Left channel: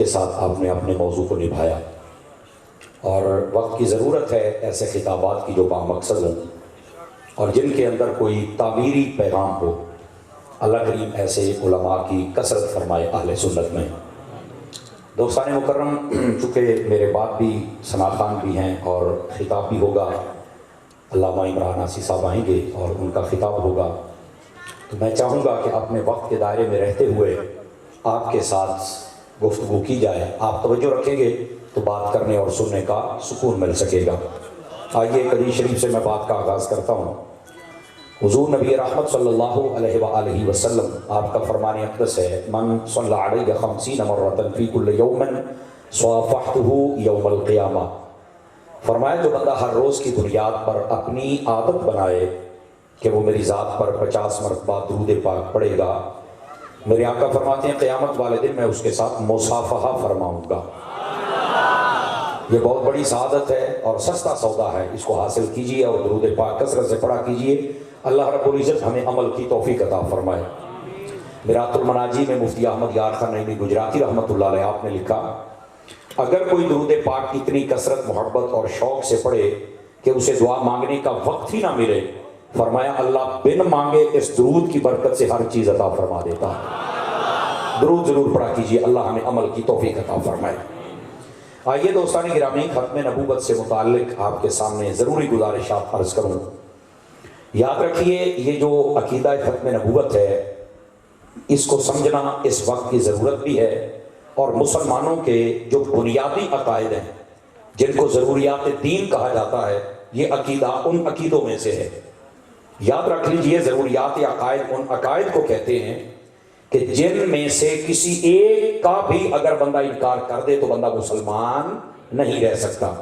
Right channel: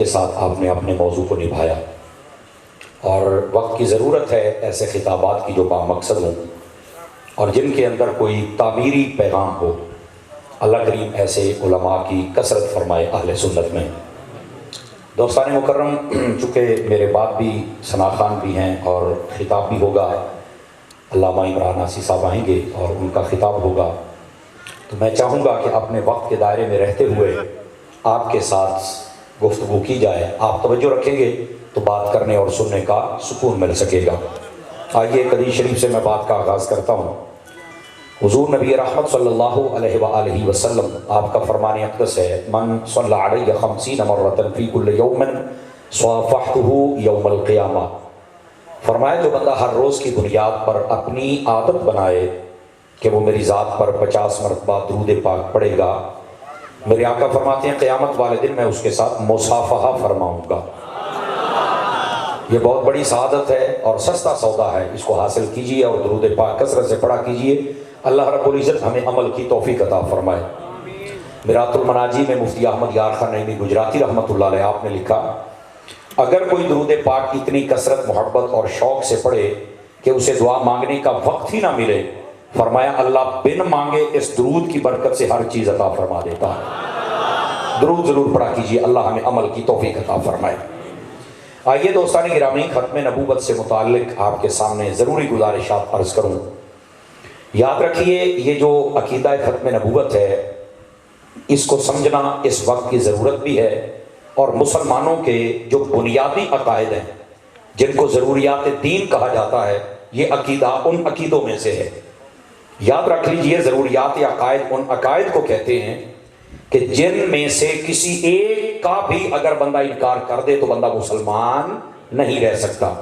کے ساتھ آپ نے اپنے موضوع کو نبھایا، اور وقت کی ضرورت ہے ایسے خطابات کی جو بامقصد ہوں اور جن کے اندر کوئی تعمیری پیغام ہو۔ اللہ کریم ایسے علماء کی کثرت فرمائے اہل سنت میں۔ دوستان مکرم، چونکہ میرے بعد بھی ثنا خان بھی ہیں اور خطاب بھی ہوگا، علامہ عمران آسی صاحب آئیں گے اور ان کا خطاب ہوگا، تو میں چاہوں گا کہ اپنے وقت کے دائرے میں رہتے ہوئے آپ کے ساتھ گفتگو کی جائے۔ آپ توجہ رکھیں گے تو بات کرنے اور سننے کا سکون مل سکے گا۔ آئیے حدیث شریف سے میں بات کا آغاز کرتا ہوں۔ حضور نبی رحمت صلی اللہ علیہ وآلہ وسلم، آپ کا فرمان اقدس ہے، من صلی علیہ 50 مرۃ فی کل یوم صافحتہ یوم القیامہ۔ فرمایا جو بندہ ہر روز کی بنیاد پر اپنی عادت بنائے کہ وہ میری ذات پر 50 مرتبہ درود پاک پڑھے گا، میرے آقا فرماتے ہیں قیامت والے دن میں اس کے ساتھ مصافحہ فرماؤں گا۔ یہ بہت بڑی سعادت ہے اور سستا سودا ہے، اس کو حاصل کیجئے اور درود پاک کثرت سے پڑھا کیجئے۔ اللہ رب العزت ہمیں عمل کی توفیق عطا فرمائے۔ میرات المناجی میں مفتی احمد یار خان نعیمی گجراتی رحمۃ اللہ علیہ آپ نے لکھا، اگر کوئی درود پاک اتنی کثرت، محبت اور شوق سے پڑھے کہ اسے دعا مانگنے کا وقت ہی نہ ملے، فرمایا اللہ بن مانگے اس درود کی برکت سے ہر چیز عطا فرما دیتا۔ درود ضرور پڑھا کیجئے، اللہ ہمیں عمل کی توفیق عطا فرمائے۔ آئیے دوستان گرامی، ختم نبوت سے متعلق آپ کے سامنے ضروری گزارشات عرض کروں۔ یاد رکھیے، یہ جو عقیدہ ختم نبوت ہے، اس کو سمجھنا اس وقت کی ضرورت بھی ہے، اور مسلمانوں کے جو بنیادی عقائد ہیں جن کو ضروریات دین کہا جاتا ہے، یہ عقیدہ ان عقیدوں میں سے ہے۔ یاد رکھ لیجئے، ضروریات عقائد ان عقائد کو کہتے ہیں کہ جن میں سے کسی ایک کا بھی اگر بندہ انکار کر دے تو بندہ مسلمان نہیں رہ سکتا۔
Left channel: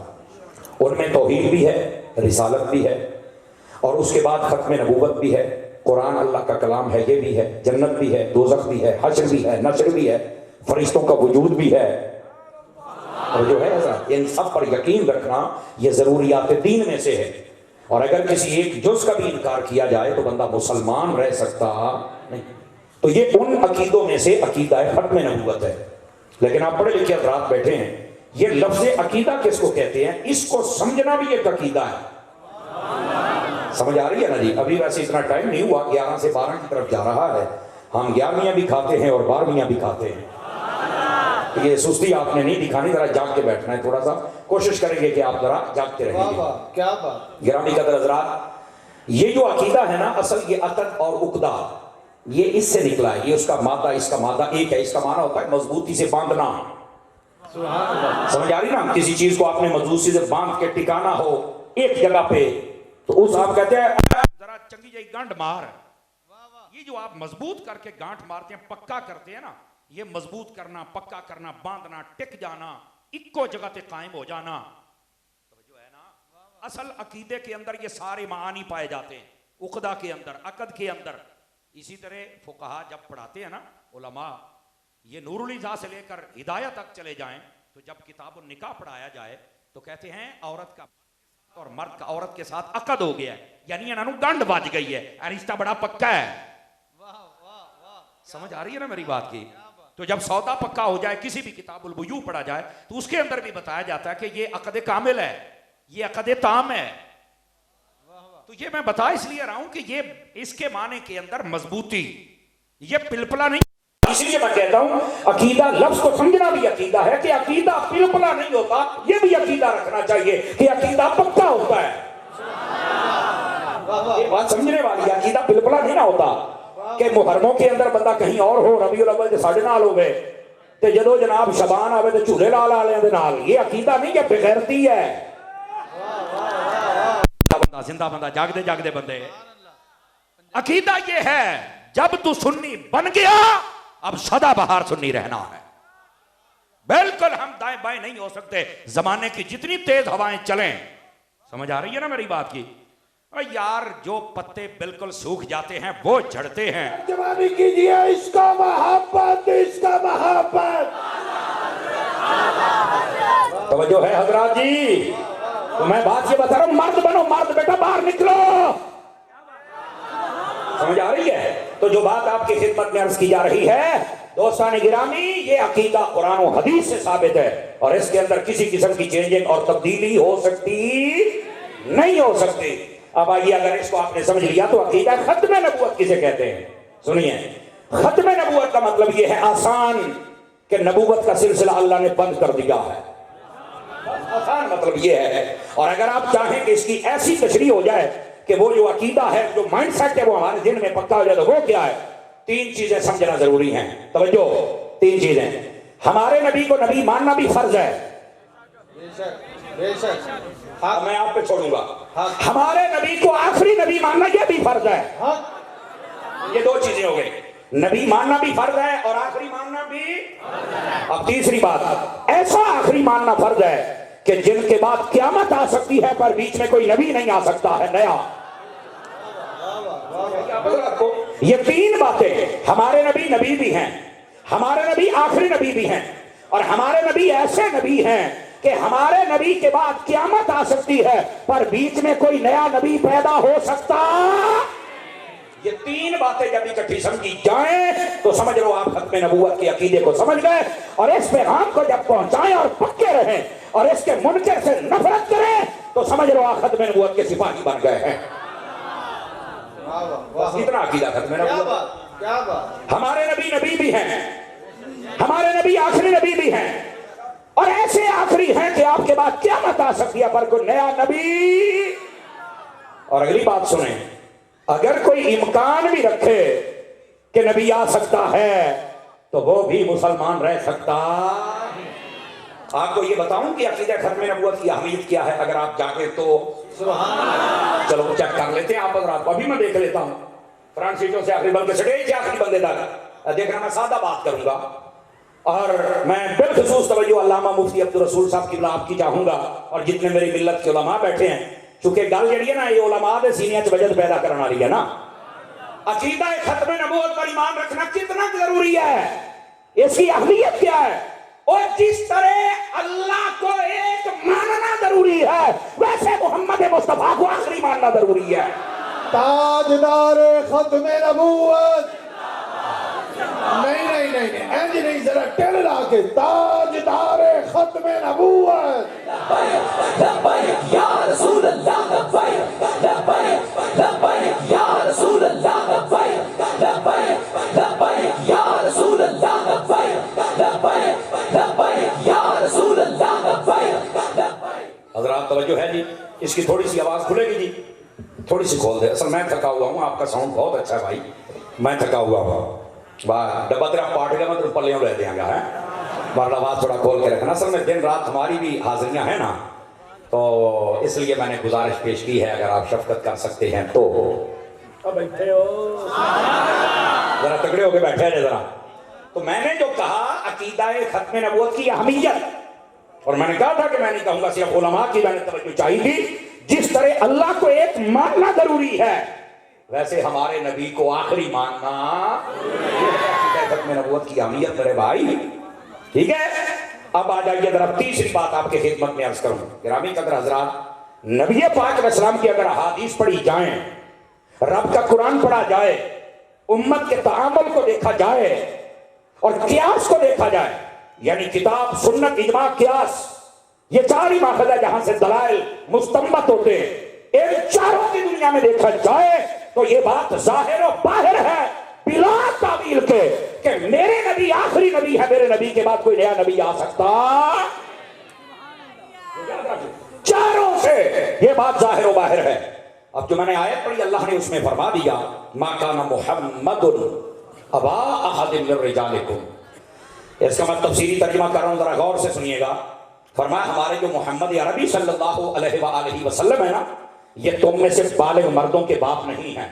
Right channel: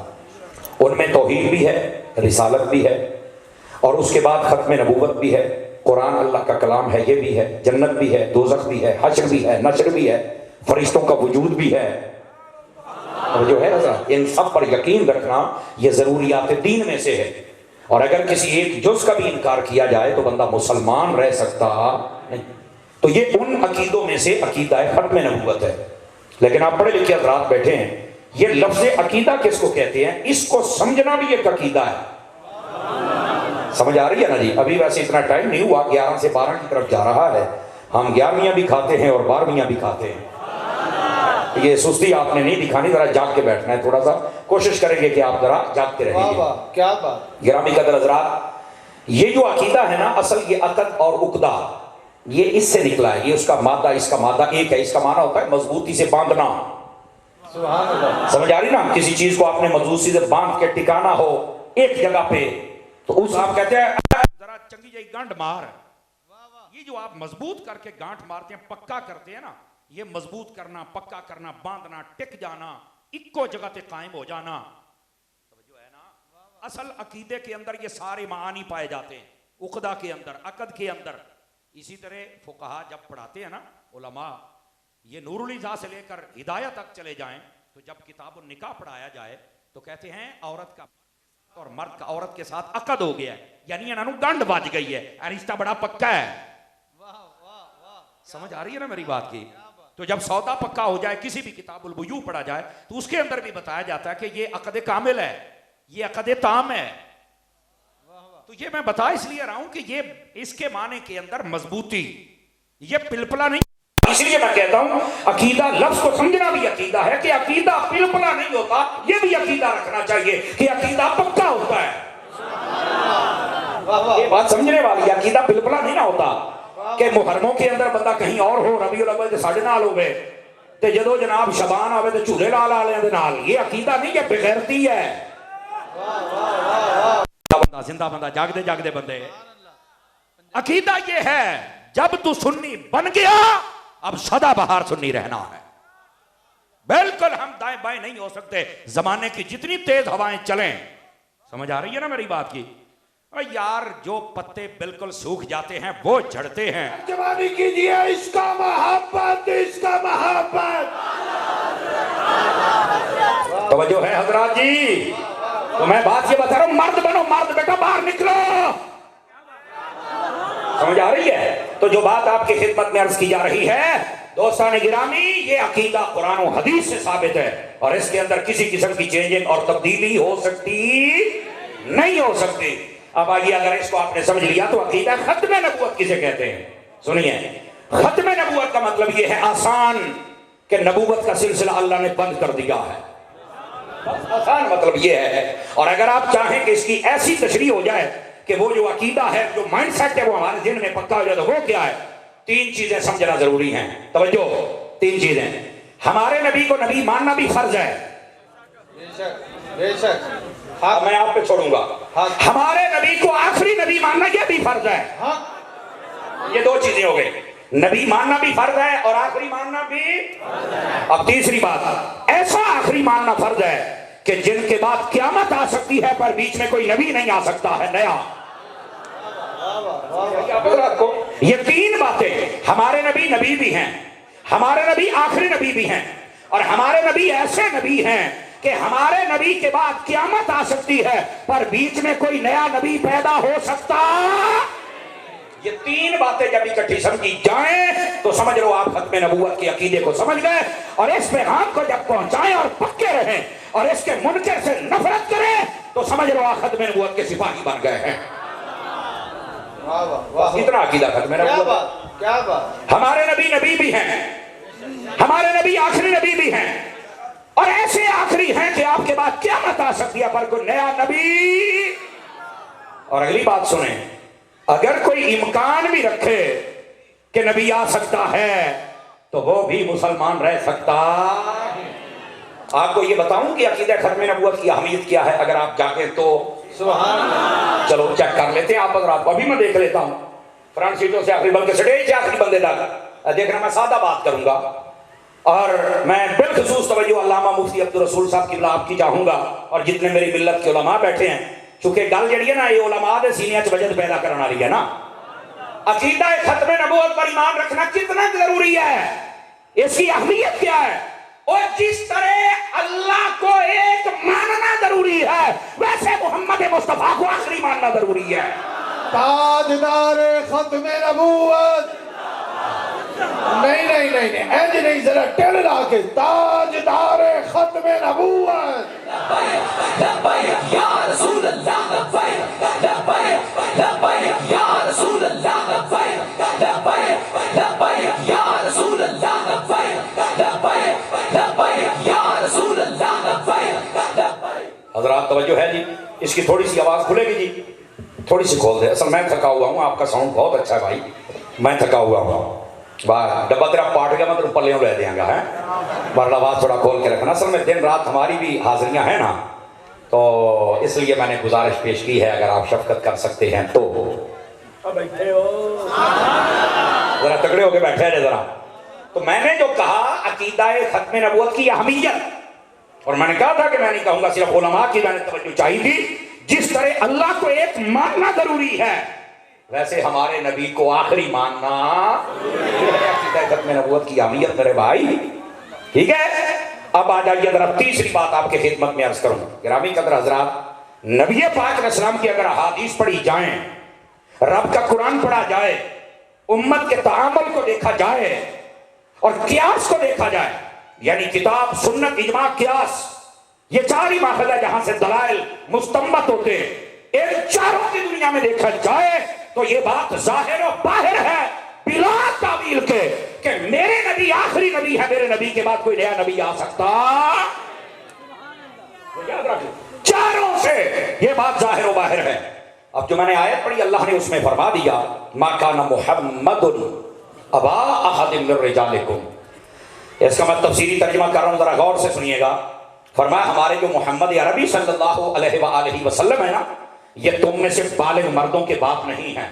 ان میں توحید بھی ہے، رسالت بھی ہے، اور اس کے بعد ختم نبوت بھی ہے، قرآن اللہ کا کلام ہے، یہ بھی ہے، جنت بھی ہے، دوزخ بھی ہے، حشر بھی ہے، نشر بھی ہے، فرشتوں کا وجود بھی ہے، اور جو ہے ان سب پر یقین رکھنا یہ ضروریات دین میں سے ہے۔ اور اگر کسی ایک جز کا بھی انکار کیا جائے تو بندہ مسلمان رہ سکتا نہیں۔ تو یہ ان عقیدوں میں سے عقیدہ ختم نبوت ہے۔ لیکن آپ پڑھے لکھے حضرات بیٹھے ہیں، یہ لفظ عقیدہ کس کو کہتے ہیں، اس کو سمجھنا بھی ایک عقیدہ ہے۔ سمجھ آ رہی ہے نا جی؟ ابھی ویسے اتنا ٹائم نہیں ہوا، 11 سے 12 کی طرف جا رہا ہے، ہم 11ویں بھی کھاتے ہیں اور 12ویں بھی کھاتے ہیں۔ یہ سستی آپ نے نہیں دکھانی، ذرا جاگ کے بیٹھنا ہے، تھوڑا سا کوشش کریں گے کہ آپ ذرا جاگتے رہیں گے۔ کیا بات! گرامی قدر حضرات، یہ جو عقیدہ ہے نا، اصل یہ عقد اور عقدہ، یہ اس سے نکلا ہے۔ یہ اس کا مادہ، اس کا مادہ ایک ہے۔ اس کا معنی ہوتا ہے مضبوطی سے باندھنا۔ سبحان اللہ! سمجھ آ رہی نا؟ کسی چیز کو آپ نے مضبوطی سے باندھ کے ٹکانا ہو ایک جگہ پہ، تو اس آپ کہتے ہیں ذرا چنگی جائی گانٹ مار۔ یہ جو آپ مضبوط کر کے گانٹ مارتے ہیں، پکا کرتے ہیں نا، یہ مضبوط کرنا، پکا کرنا، باندھنا، ٹک جانا، ایکو جگہ تے قائم ہو جانا، توجہ ہے نا؟ اصل عقیدے کے اندر یہ سارے معانی پائے جاتے ہیں، عقدہ کے اندر، عقد کے اندر۔ اسی طرح فقہا جب پڑھاتے ہیں نا علماء، یہ نور الہدایہ سے لے کر ہدایہ تک چلے جائیں، تو جب کتاب النکاح پڑھایا جائے تو کہتے ہیں عورت کا اور مرد کا عورت کے ساتھ عقد ہو گیا ہے، یعنی انہوں گنڈ بج گئی ہے، رشتہ بڑا پکا ہے۔ سمجھ آ رہی ہے نا میری بات کی؟ تو جب سودا پکا ہو جائے، کسی بھی کتاب البیوع پڑھا جائے تو اس کے اندر بھی بتایا جاتا ہے کہ یہ عقد کامل ہے، یہ عقد تام ہے۔ تو یہ میں بتا اس لیے رہا ہوں کہ یہ اس کے معنی کے اندر مضبوطی، یہ پلپلا نہیں۔ اس لیے میں کہتا ہوں عقیدہ لفظ کو سمجھنا بھی عقیدہ ہے، کہ عقیدہ پلپلا نہیں ہوتا، یہ بھی عقیدہ رکھنا چاہیے کہ عقیدہ پکا ہوتا ہے۔ یہ بات سمجھنے والی، عقیدہ پلپلا نہیں نہ ہوتا کہ محرموں کے اندر بندہ کہیں اور ہو، ربیع الاول ساڑھے نال ہوئے تے جدو جناب شبان آوے تے جھولے لال والے دے نال، یہ عقیدہ نہیں، یہ بغیرتی ہے۔ زندہ بندہ، جاگدے جاگدے بندے۔ عقیدہ یہ ہے جب تو سنی بن گیا، اب سدا بہار سنی رہنا ہے۔ بالکل ہم دائیں بائیں نہیں ہو سکتے، زمانے کی جتنی تیز ہوائیں چلیں۔ سمجھ آ رہی ہے نا میری بات کی؟ اور یار جو پتے بالکل سوکھ جاتے ہیں وہ جھڑتے ہیں۔ جوانی کیجئے، اس کا محبت، اس کا محبت۔ توجہ ہے حضرات جی؟ تو میں بات یہ بتا رہا ہوں، مرد بنو، مرد، بیٹا باہر نکلو۔ سمجھ آ رہی ہے؟ تو جو بات آپ کی خدمت میں عرض کی جا رہی ہے دوستان گرامی، یہ عقیدہ قرآن و حدیث سے ثابت ہے اور اس کے اندر کسی قسم کی چینجنگ اور تبدیلی ہو سکتی نہیں ہو سکتی۔ اب آئیے، اگر اس کو آپ نے سمجھ لیا تو عقیدہ ختم نبوت کسے کہتے ہیں؟ سنیے، ختم نبوت کا مطلب یہ ہے آسان کہ نبوت کا سلسلہ اللہ نے بند کر دیا ہے، آسان مطلب یہ ہے۔ اور اگر آپ چاہیں کہ اس کی ایسی تشریح ہو جائے کہ وہ جو عقیدہ ہے، جو مائنڈ سیٹ ہے، وہ ہمارے ذہن میں پکا ہو جائے تو وہ کیا ہے؟ 3 چیزیں سمجھنا ضروری ہیں، توجہ، 3 چیزیں۔ ہمارے نبی کو نبی ماننا بھی فرض ہے، بے شک میں آپ پہ چھوڑوں گا۔ ہمارے نبی کو آخری نبی ماننا یہ بھی فرض ہے۔ یہ 2 چیزیں ہو گئی، نبی ماننا بھی فرض ہے اور آخری ماننا بھی۔ اب تیسری بات، ایسا آخری ماننا فرض ہے کہ جن کے بعد قیامت آ سکتی ہے پر بیچ میں کوئی نبی نہیں آ سکتا ہے نیا۔ یہ 3 باتیں، ہمارے نبی نبی بھی ہیں، ہمارے نبی آخری نبی بھی ہیں، اور ہمارے نبی ایسے نبی ہیں کہ ہمارے نبی کے بعد قیامت آ سکتی ہے پر بیچ میں کوئی نیا نبی پیدا ہو سکتا۔ یہ 3 باتیں جب اکٹھی سمجھی جائیں تو سمجھ لو آپ ختم نبوت کے عقیدے کو سمجھ گئے، اور اس پیغام کو جب پہنچائیں اور پکے رہیں اور اس کے منکر سے نفرت کریں تو سمجھ لو آپ ختم نبوت کے سپاہی بن گئے ہیں۔ اتنا عقیدہ ختم نبوت۔ کیا بات، ہمارے نبی نبی بھی ہیں، ہمارے نبی آخری نبی بھی ہیں، اور ایسے آخری ہیں کہ آپ کے بعد قیامت آ سکتی ہے پر کوئی نیا نبی۔ اور اگلی بات سنیں، اگر کوئی امکان بھی رکھے کہ نبی آ سکتا ہے تو وہ بھی مسلمان رہ سکتا۔ آپ کو یہ بتاؤں کہ عقیدہ ختم نبوت کی اہمیت کیا ہے، اگر آپ چاہیں تو سبحان اللہ۔ چلو چیک کر لیتے ہیں آپ حضرات کو، ابھی میں دیکھ لیتا ہوں فرنٹ سیٹوں سے آخری بلکہ سٹیج سے آخری بندے تک دیکھنا۔ میں سادہ بات کروں گا اور میں بالخصوص توجہ علامہ مفتی عبدالرسول صاحب کی آپ کی چاہوں گا، اور جتنے میری ملت کے علماء بیٹھے ہیں، چونکہ گل جڑی ہے نا یہ علماء دے سینیاں چ وجد پیدا کرنے والی ہے نا۔ عقیدہ ختم نبوت پر ایمان رکھنا کتنا ضروری ہے، اس کی اہمیت کیا ہے؟ اور جس طرح اللہ کو ایک ماننا ضروری ہے ویسے محمد مصطفیٰ کو آخری ماننا ضروری ہے۔ تاجدار ختم نبوت، نہیں اینج نہیں، ذرا ٹیل لا کے، تاجدار ختم نبوت۔ لبیک یا رسول اللہ، لبیک لبیک لبیک یا رسول اللہ، لبیک لبیک لبیک یا رسول اللہ، لبیک لبیک لبیک یا رسول اللہ، لبیک۔ حضرات توجہ ہے جی، اس کی تھوڑی سی آواز کھلے گی جی، تھوڑی سی کھول دے۔ اصل میں تھکا ہوا ہوں، آپ کا ساؤنڈ بہت اچھا ہے بھائی، میں تھکا ہوا ہوں۔ ڈبا تیرا پاٹ گیا، میں تیرے پلیوں رہ دیا گا ہے، بہرحال آواز تھوڑا کھول کے رکھنا۔ اصل میں دن رات ہماری بھی حاضریاں ہیں نا، تو اس لیے میں نے گزارش پیش کی ہے، اگر آپ شفقت کر سکتے ہیں تو بیٹھے ہو ذرا تگڑے ہو کے بیٹھے ہیں ذرا۔ تو میں نے جو کہا عقیدہ ختم نبوت کی اہمیت، اور میں نے کہا تھا کہ میں نہیں کہوں گا صرف علماء کی میں نے توجہ چاہیے تھی، جس طرح اللہ کو ایک ماننا ضروری ہے ویسے ہمارے نبی کو آخری ماننا عقیدہ ختم نبوت کی اہمیت میرے بھائی، ٹھیک ہے۔ اب آ جائیے ذرا تیسری بات آپ کی خدمت میں عرض کروں۔ گرامی قدر حضرات، نبی پاک علیہ السلام کی اگر احادیث پڑھی جائیں، رب کا قرآن پڑھا جائے، امت کے تعامل کو دیکھا جائے اور قیاس کو دیکھا جائے، یعنی کتاب، سنت، اجماع، قیاس، یہ 4 ہی ماخذ ہے جہاں سے دلائل مستنبط ہوتے ہیں، ان چاروں کی دنیا میں دیکھا جائے تو یہ بات ظاہر و باہر ہے بلا تعویل کے کہ میرے نبی آخری نبی ہے، میرے نبی کے بعد کوئی نیا نبی آ سکتا۔ چاروں سے یہ بات ظاہر و باہر ہے۔ اب جو میں نے آیت پڑھی اللہ نے اس میں فرما دیا ما کان محمد ابا احد من رجالکم، اس کا میں تفسیری ترجمہ کر رہا ہوں، ذرا غور سے سنیے گا۔ فرمایا ہمارے جو محمد عربی صلی اللہ علیہ وآلہ وسلم ہے نا، یہ تم میں سے بالغ مردوں کے باپ نہیں ہیں۔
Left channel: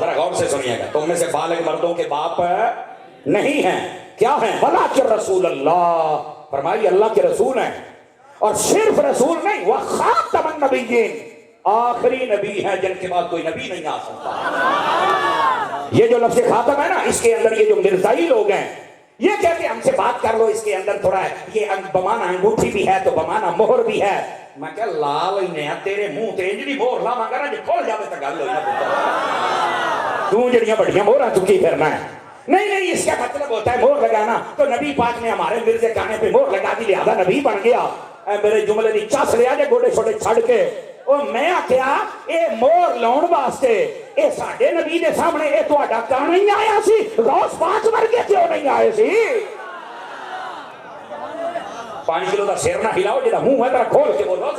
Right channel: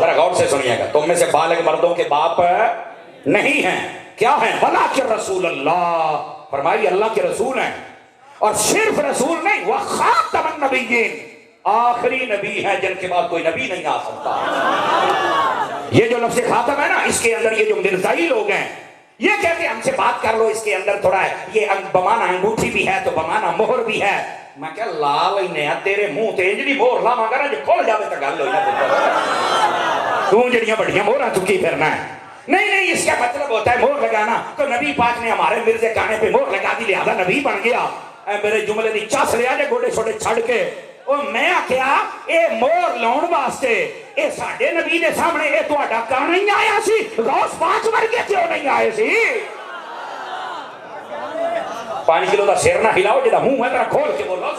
ذرا غور سے سنیے گا، تم میں سے بالغ مردوں کے باپ نہیں ہیں، کیا ہیں؟ ولیکن رسول اللہ، فرمائی اللہ کے رسول ہیں، اور صرف رسول نہیں، وہ خاتم النبیین، آخری نبی ہیں جن کے بعد کوئی نبی نہیں آ سکتا۔ یہ جو لفظ خاتم ہے نا، اس کے اندر یہ جو مرزائی لوگ ہیں یہ کہتے ہم سے بات کر لو، اس کے اندر تھوڑا ہے یہ بمانا انگوٹھی بھی ہے تو بمانا مہر بھی ہے. میں کہا لا لینے تیرے منہ تے انج دی مہر لاواں گا نا جے کھل جاوے تے گل ہوئی نا. تو جڑیاں بڑیاں مہراں چکی پھرنا ہے. نہیں اس کا مطلب ہوتا ہے مہر لگانا. تو نبی پاک نے ہمارے مرزے کانے پہ مہر لگا دی لہذا نبی بن گیا. اے میرے جملے دی چس لیا جے گوڑے چھوڑے چھڑ کے. او میں آکھیا اے مہر لاؤن واسطے اے ساڈے نبی دے سامنے اے تہاڈا کان نہیں آیا سی؟ غوث پاک ورگے کیوں نہیں آئے سی؟ 5 کلو دا سر نہ ہلاؤ جڑا منہ ہے ذرا کھول کے بولو.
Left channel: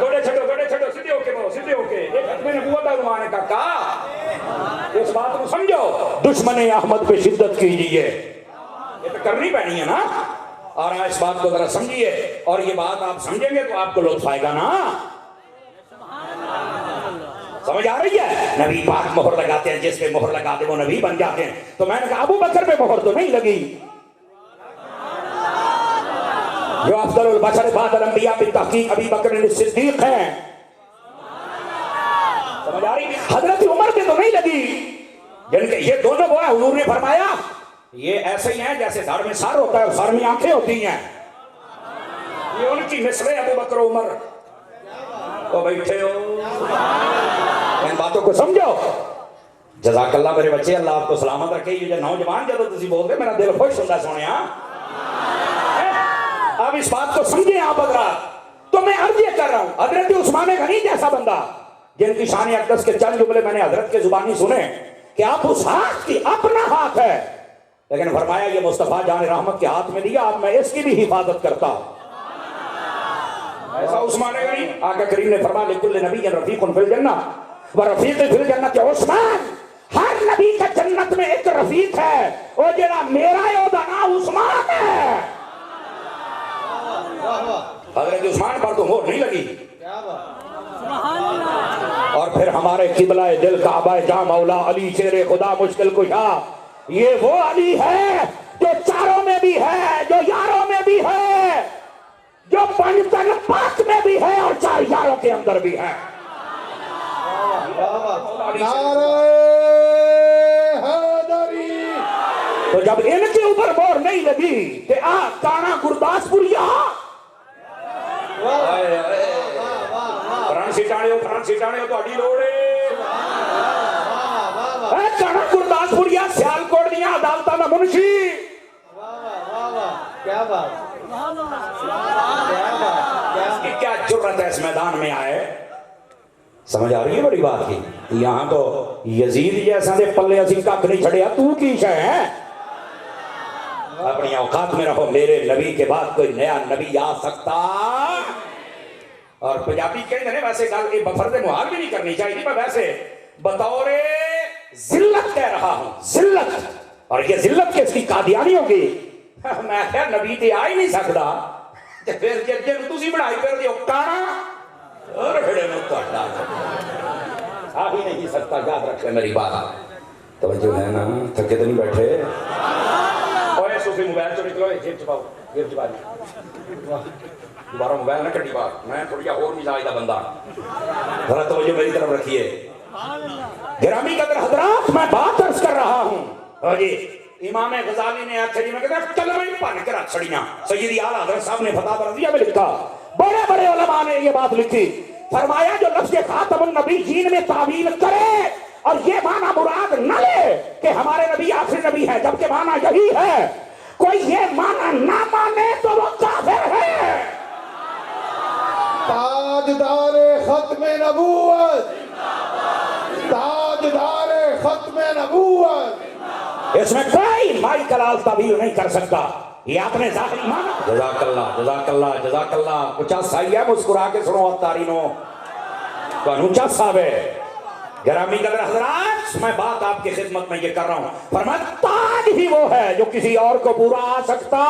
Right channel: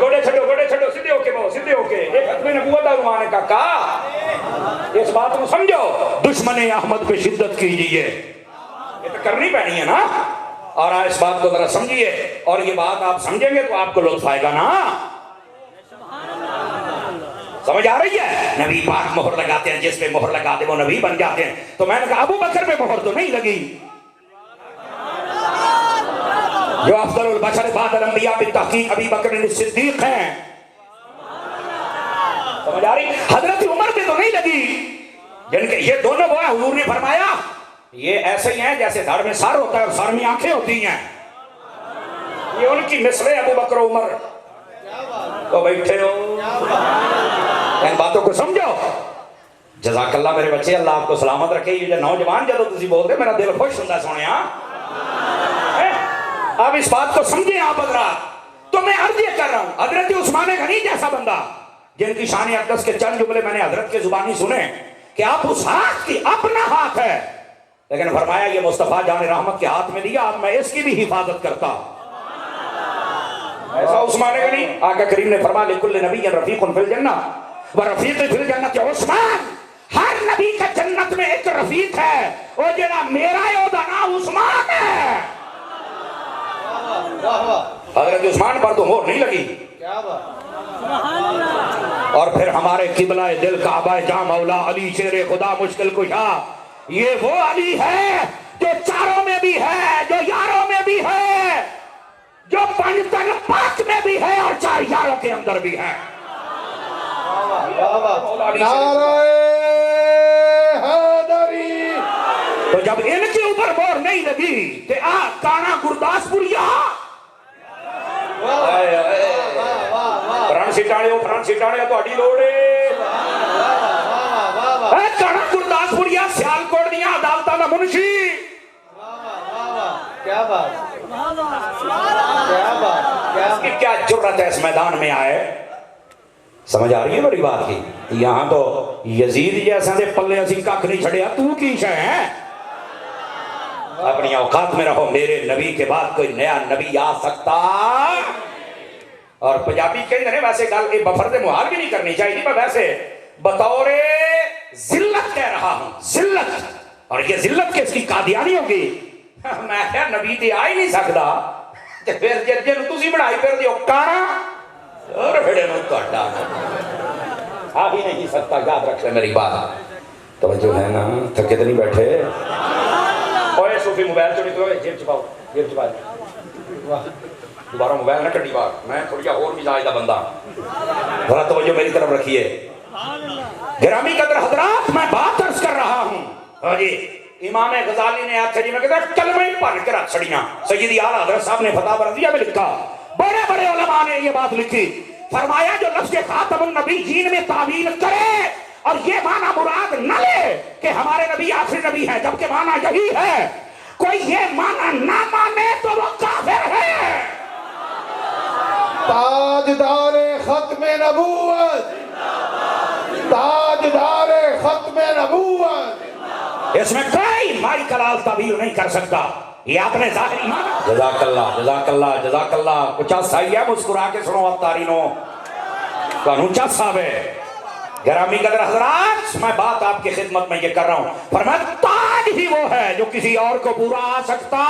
گوڑے چھڈو سیدھے ہو کے بولو سیدھے ہو کے. ایک ختم نبوت دا عنوان ہے کاکا. اس بات کو سمجھو. دشمن احمد پہ شدت کیجیے. یہ تو کرنی پڑنی ہے نا. اور اس بات کو ذرا سمجھیے. اور یہ بات آپ سمجھیں گے تو آپ کو لطف آئے گا نا. سمجھ آ رہی ہے؟ نبی پاک مہر لگاتے ہیں، جس پہ مہر لگا دے وہ نبی بن جاتے ہیں. تو میں نے کہا ابو بکر پہ مہر تو نہیں لگی جو افضل البشر بعد الانبیاء بالتحقیق ابی بکر صدیق ہیں. سمجھ آ رہی؟ حضرت عمر پہ تو نہیں لگی جن کے یہ دونوں وہ ہیں. حضور نے فرمایا یہ ایسے ہی ہیں جیسے دھڑ میں سر ہوتا ہے اور سر میں آنکھیں ہوتی ہیں. یہ ان کی مثل ہے ابو بکر عمر. تو بیٹھے ہو ان باتوں کو سمجھو. جزاک اللہ میرے بچے، اللہ آپ کو سلامت رکھے. یہ جو نوجوان جب تسی بولتے میرا دل خوش ہوتا ہے سونے. اب اس بات کو سمجھیں آپ حضرات. تو میں عرض یہ کر رہا ہوں حضرت عثمان غنی جیسا بندہ جن کی شان اقدس کے چند جملے میں نے حضرت کے زبانی سنے کہ آپ اس ہاتھ کی اپنا ہاتھ ہے، لیکن فرمایا یہ مصطفیٰ جان رحمت کے ہاتھ میں دیا، اب میں اس کی بھی حفاظت کرتا. ایسا عثمان غنی. آقا کریم نے فرمایا لکل نبی رفیق فی الجنہ ورفیق فی الجنہ. عثمان ہر نبی کا جنت میں ایک رفیق ہے، اور جڑا میرا ہے وہ نام عثمان ہے. حضرت عثمان پر تو مہر نہیں لگی. اور پھر ہمارے قبلہ دل کعبہ جاں مولا علی شیر خدا مشکل کشا. یہ وہ علی ہے جو چاروں میں بھی ہے، جو یاروں میں بھی ہے، جو پنجتن پاک میں بھی ہے اور 4 یاروں کے اندر بھی ہے. نعرہ حیدری. تو جب ان کے اوپر مہر نہیں لگی کہ کانا گرداسپوریا فرانسی ٹاڑے تو اڈی روڑے کانا گرداسپوریا سیالکوٹ دیا عدالتہ میں منشی. کیا بات کیا جرت ہے اس میدان میں آئے. سمجھ آ رہی ہے بڑی بات کی. یہاں تو یزید جیسا دے پلے اسی ککھ نہیں چھڑیا. تو کی شے ہے؟ اپنی اوقات میں رہو. میرے نبی کے بعد کوئی نیا نبی آ سکتا. اور پنجابی کہتے ہیں ویسے گل یہ بفرد محال بھی نہیں کرنی چاہیے، پر ویسے بطور ذلت کہہ رہا ہوں. ذلت. اور یہ ذلت کس کی؟ قادیانی ہوگی. میں کہا نبی تے آ ہی نہیں سکتا تے پھر جن تسی بنائی پھر دیو کانا اور بڑے میں کاٹا آ ہی نہیں سکتا. یاد رکھ لے میری بات. توجہ ہے نا؟ تھکے تو نہیں بیٹھے؟ اوے صوفی موبائل چ نکلو، جیب چ پاؤ، جیب چ پاؤ. دوبارہ موبائل نہ کٹی بات. میں تھوڑی اور مزاج دا بندہ. ذرا توجہ میری طرف رکھیے. گرامی قدر حضرات، میں بات عرض کر رہا ہوں. اور جی امام غزالی نے آخر جی میں کہتا کلمہ ہی پڑھ کے رکھ چھڑیاں. سیدی اعلیٰ حضرت صاحب نے فتح رضیہ میں لکھا. بڑے بڑے علماء نے یہ بات لکھی. فرمایا جو لفظ خاتم النبی جین میں تعویل کرے اور یہ معنی مراد نہ لے کہ ہمارے نبی آخری نبی ہے، جبکہ معنی یہی ہے، کوئی یہ معنی نہ مانے تو وہ کافر ہے. تاجدار ختم نبوت، تاجدار ختم نبوت. اس میں کوئی مائی کلال تعبیر نہیں کر سکتا. یہ آپ نے ظاہری مانا. جزاک اللہ جزاک اللہ جزاک اللہ. کچھ صحیح ہے مسکرا کے سنو اب تارینوں کو انوچا صاحب ہے. گرامی قدر حضرات، میں بات آپ کی خدمت میں یہ کر رہا ہوں. فرمایا تاج ہی وہ ہے جو کسی اور کو برا آ سکتا.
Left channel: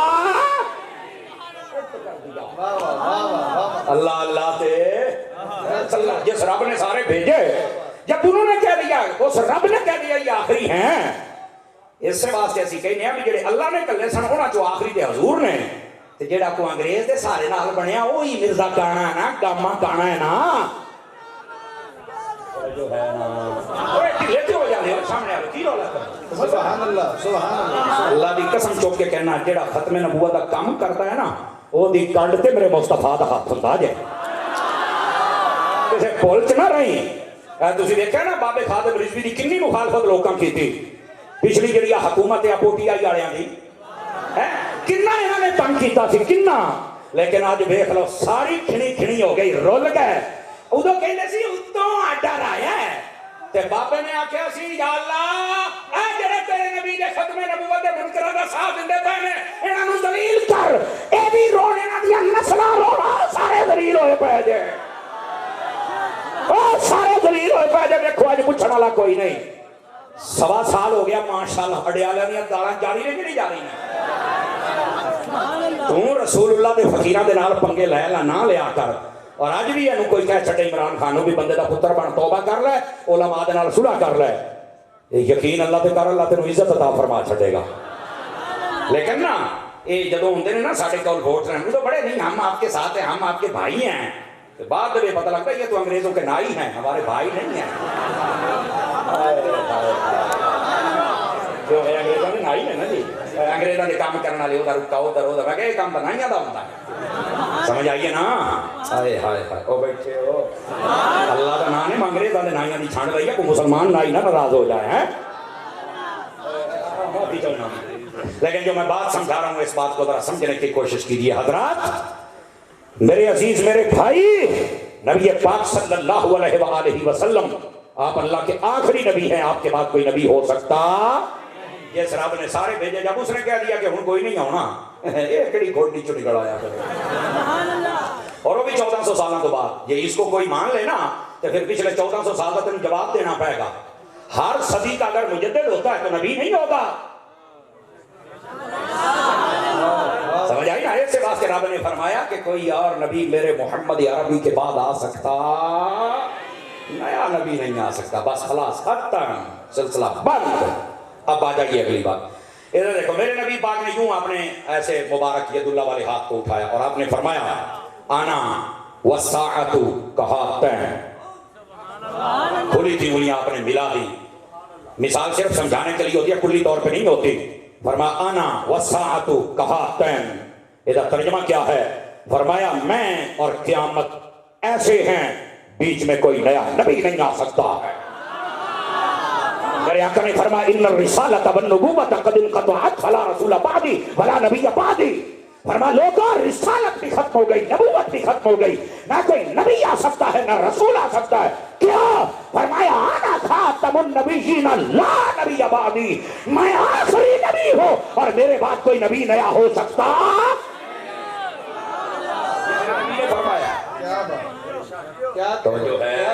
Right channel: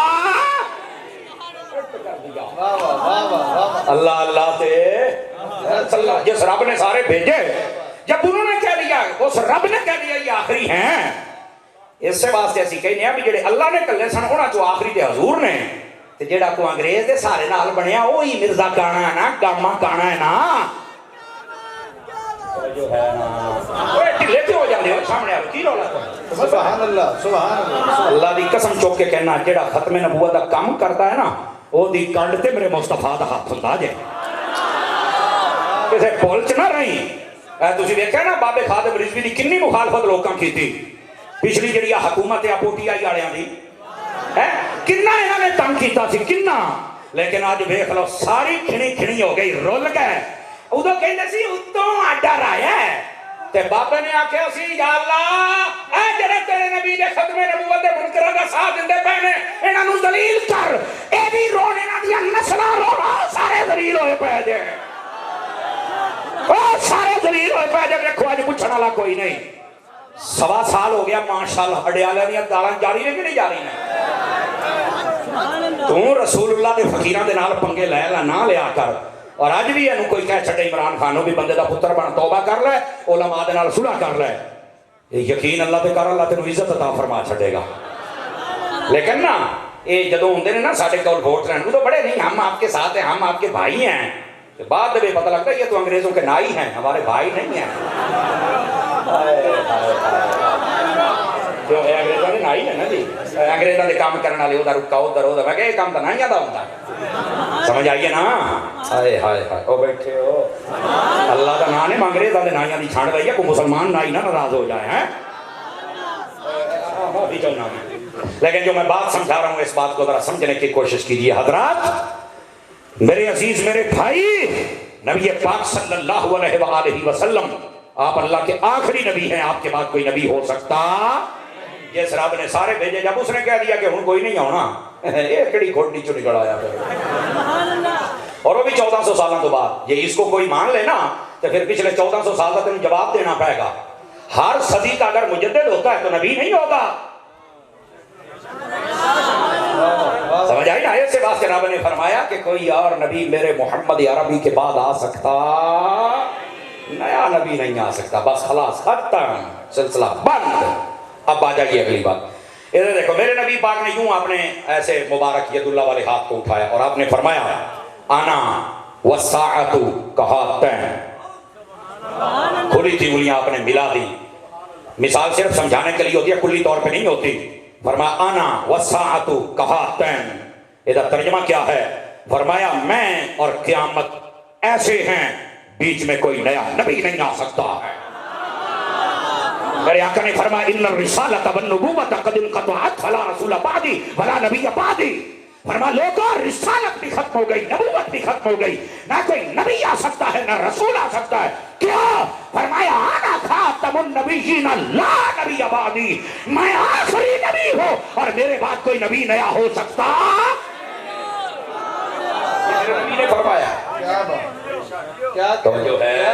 اللہ اللہ تے جس رب نے سارے بھیجے، جب انہوں نے کہہ دیا، اس رب نے کہہ دیا یہ آخری ہیں، اس سے واسطے اسی کہنے ہیں بھی جڑے اللہ نے کلے سن انہاں چوں آخری تے حضور نے. تے جڑا کو انگریز دے سارے نال بنیا وہی مرزا کانا ہے نا، گاما کانا ہے نا. جو ہے نا لیتے ہو جانے ہو سامنے آ کی رولا سبحان اللہ سبحان اللہ اللہ دی قسم چوک کے کہنا جڑا ختم نبوت دا کام کرتا ہے نا وہ دی کنڈ تے میرے مصطفیٰ دا ہاتھ ہوندا جے کسے پول چ نہ رہی تسی دیکھا نا بابے خادم رضوی دی کنی مخالفت لوکاں کیتی پچھلی جڑی حکومت ہے پوٹی آئی والےاں دی کنا انہاں نے تنگ کیتا سی کنا لیکن آج دیکھ لو ساری کھنی کھنی ہو گئی رول گئے ادو کہندے سی اتوں ڈر آیا ہے تے بابے نے آکھیا سی یا اللہ اے جڑے تیرے نبی دے ختم نبوت دے منکراں دا ساتھ دیندے پے نے انہاں نوں ذلیل کر اے بھی رونے انہاں دی نسلاں رونا سارے ذلیل ہوئے پے جے او سارے ذلیل ہوئے پے جے دیکھو اج پوچھن والا کوئی نہیں 1.25 سال ہو گیا ماشاءاللہ اڈیالیاں دی گالاں جاری نے کہ نہیں جاری نے تو رسول اللہ دے فقیراں دے نال پنگے لے لا نہ لیا کر اور آج بھی اینو کوئی کہہ چھڑے عمران خانوں بھی بندے دا پتر بن توبہ کر لے علماء دے نال صلح کر لے یقین اللہ تے کر اللہ تینوں عزت عطا فرما چھڑے گا لیکن نا یہ جدوں ہوندے نے نا ساڈے کول ووٹ رہن تو بڑے نہیں ہم آپ کے ساتھ ہیں ہم آپ کے بھائی ہیں بعد میں پتہ لگتا ہے یہ تو انگریزوں کے نائی ہیں ہمارے بھائی نہیں ہیں جو ہے انگریزوں کے نائی ہیں نا جی انگریزوں نے کام کرنے والے ادھر رکا ادھر میں کہ یہ کام تو نائیاں دا ہوتا ہے سمجھ آئیے نا ہائے ہائے ہائے او بیٹھے ہو اللہ کا نام ہے انگریزوں کے نائیاں دی چھان رہی ہے کوئی مسلمان نائی نہ ناراض ہو جائے ہیں معافی چاہوں میں لیکن جو میں بات سمجھا رہا ہوں اس بات کو ذرا سمجھنے کی کوشش کیجیے حضرات میرے عزیز میرے بھائی نبی پاک صلی اللہ علیہ وآلہ وسلم آپ اللہ کے آخری نبی ہیں آپ کے بعد کوئی نبی ہو سکتا جس رب نے سارے بھیجے جب اس نے کہہ دیا کہ ہن کوئی نہیں ہونا یہ کڑی کھوٹی چو نکل آیا اور وہ بھی 1400 سالوں کے بعد یہ اس کو کوئی مان لے نا تو پھر پچھلے 1400 سال کا تمہیں جواب دینا پڑے گا ہر صدی کا اگر مجدد ہوتا ہے تو نبی نہیں ہوگا سمجھ آئی نا ایسے واسطے رب نے فرمایا کہ کوئی اور نبی میرے محمد عربی کے بعد آ سکتا نیا نبی نہیں آ سکتا بس خلاص ختم سلسلہ بند اب آ جائیے اگلی بات ادھر دیکھو میرے نبی پاک نے یوں آپ نے ایسے مبارک ید اللہ والے ہاتھ کو اٹھایا اور آپ نے فرمایا آنا والساعۃ کہاتین کھلی تھی انگلیاں آپ نے ملا دی مثال صرف سمجھانے کے لیے ہوتی ہے کلی طور پہ نہیں ہوتی فرمایا آنا والساعۃ کہاتین ادھر ترجمہ کیا ہے فرمایا میں اور قیامت ایسے ہیں بیچ میں کوئی نیا نبی نہیں آ سکتا ہے میرے آقا نے فرمایا ان الرسالۃ والنبوۃ قد انقطعت فلا رسول بعدی ولا نبی بعدی فرمایا لوگوں رسالت بھی ختم ہو گئی نبوت بھی ختم ہو گئی نہ کوئی نبی آ سکتا ہے نہ رسول آ سکتا ہے کیا فرمایا انا خاتم النبیین لا نبی بعدی میں آخری نبی ہوں اور میرے بعد کوئی نبی نیا ہو سکتا نبی نے فرمایا کیا تو جو ہے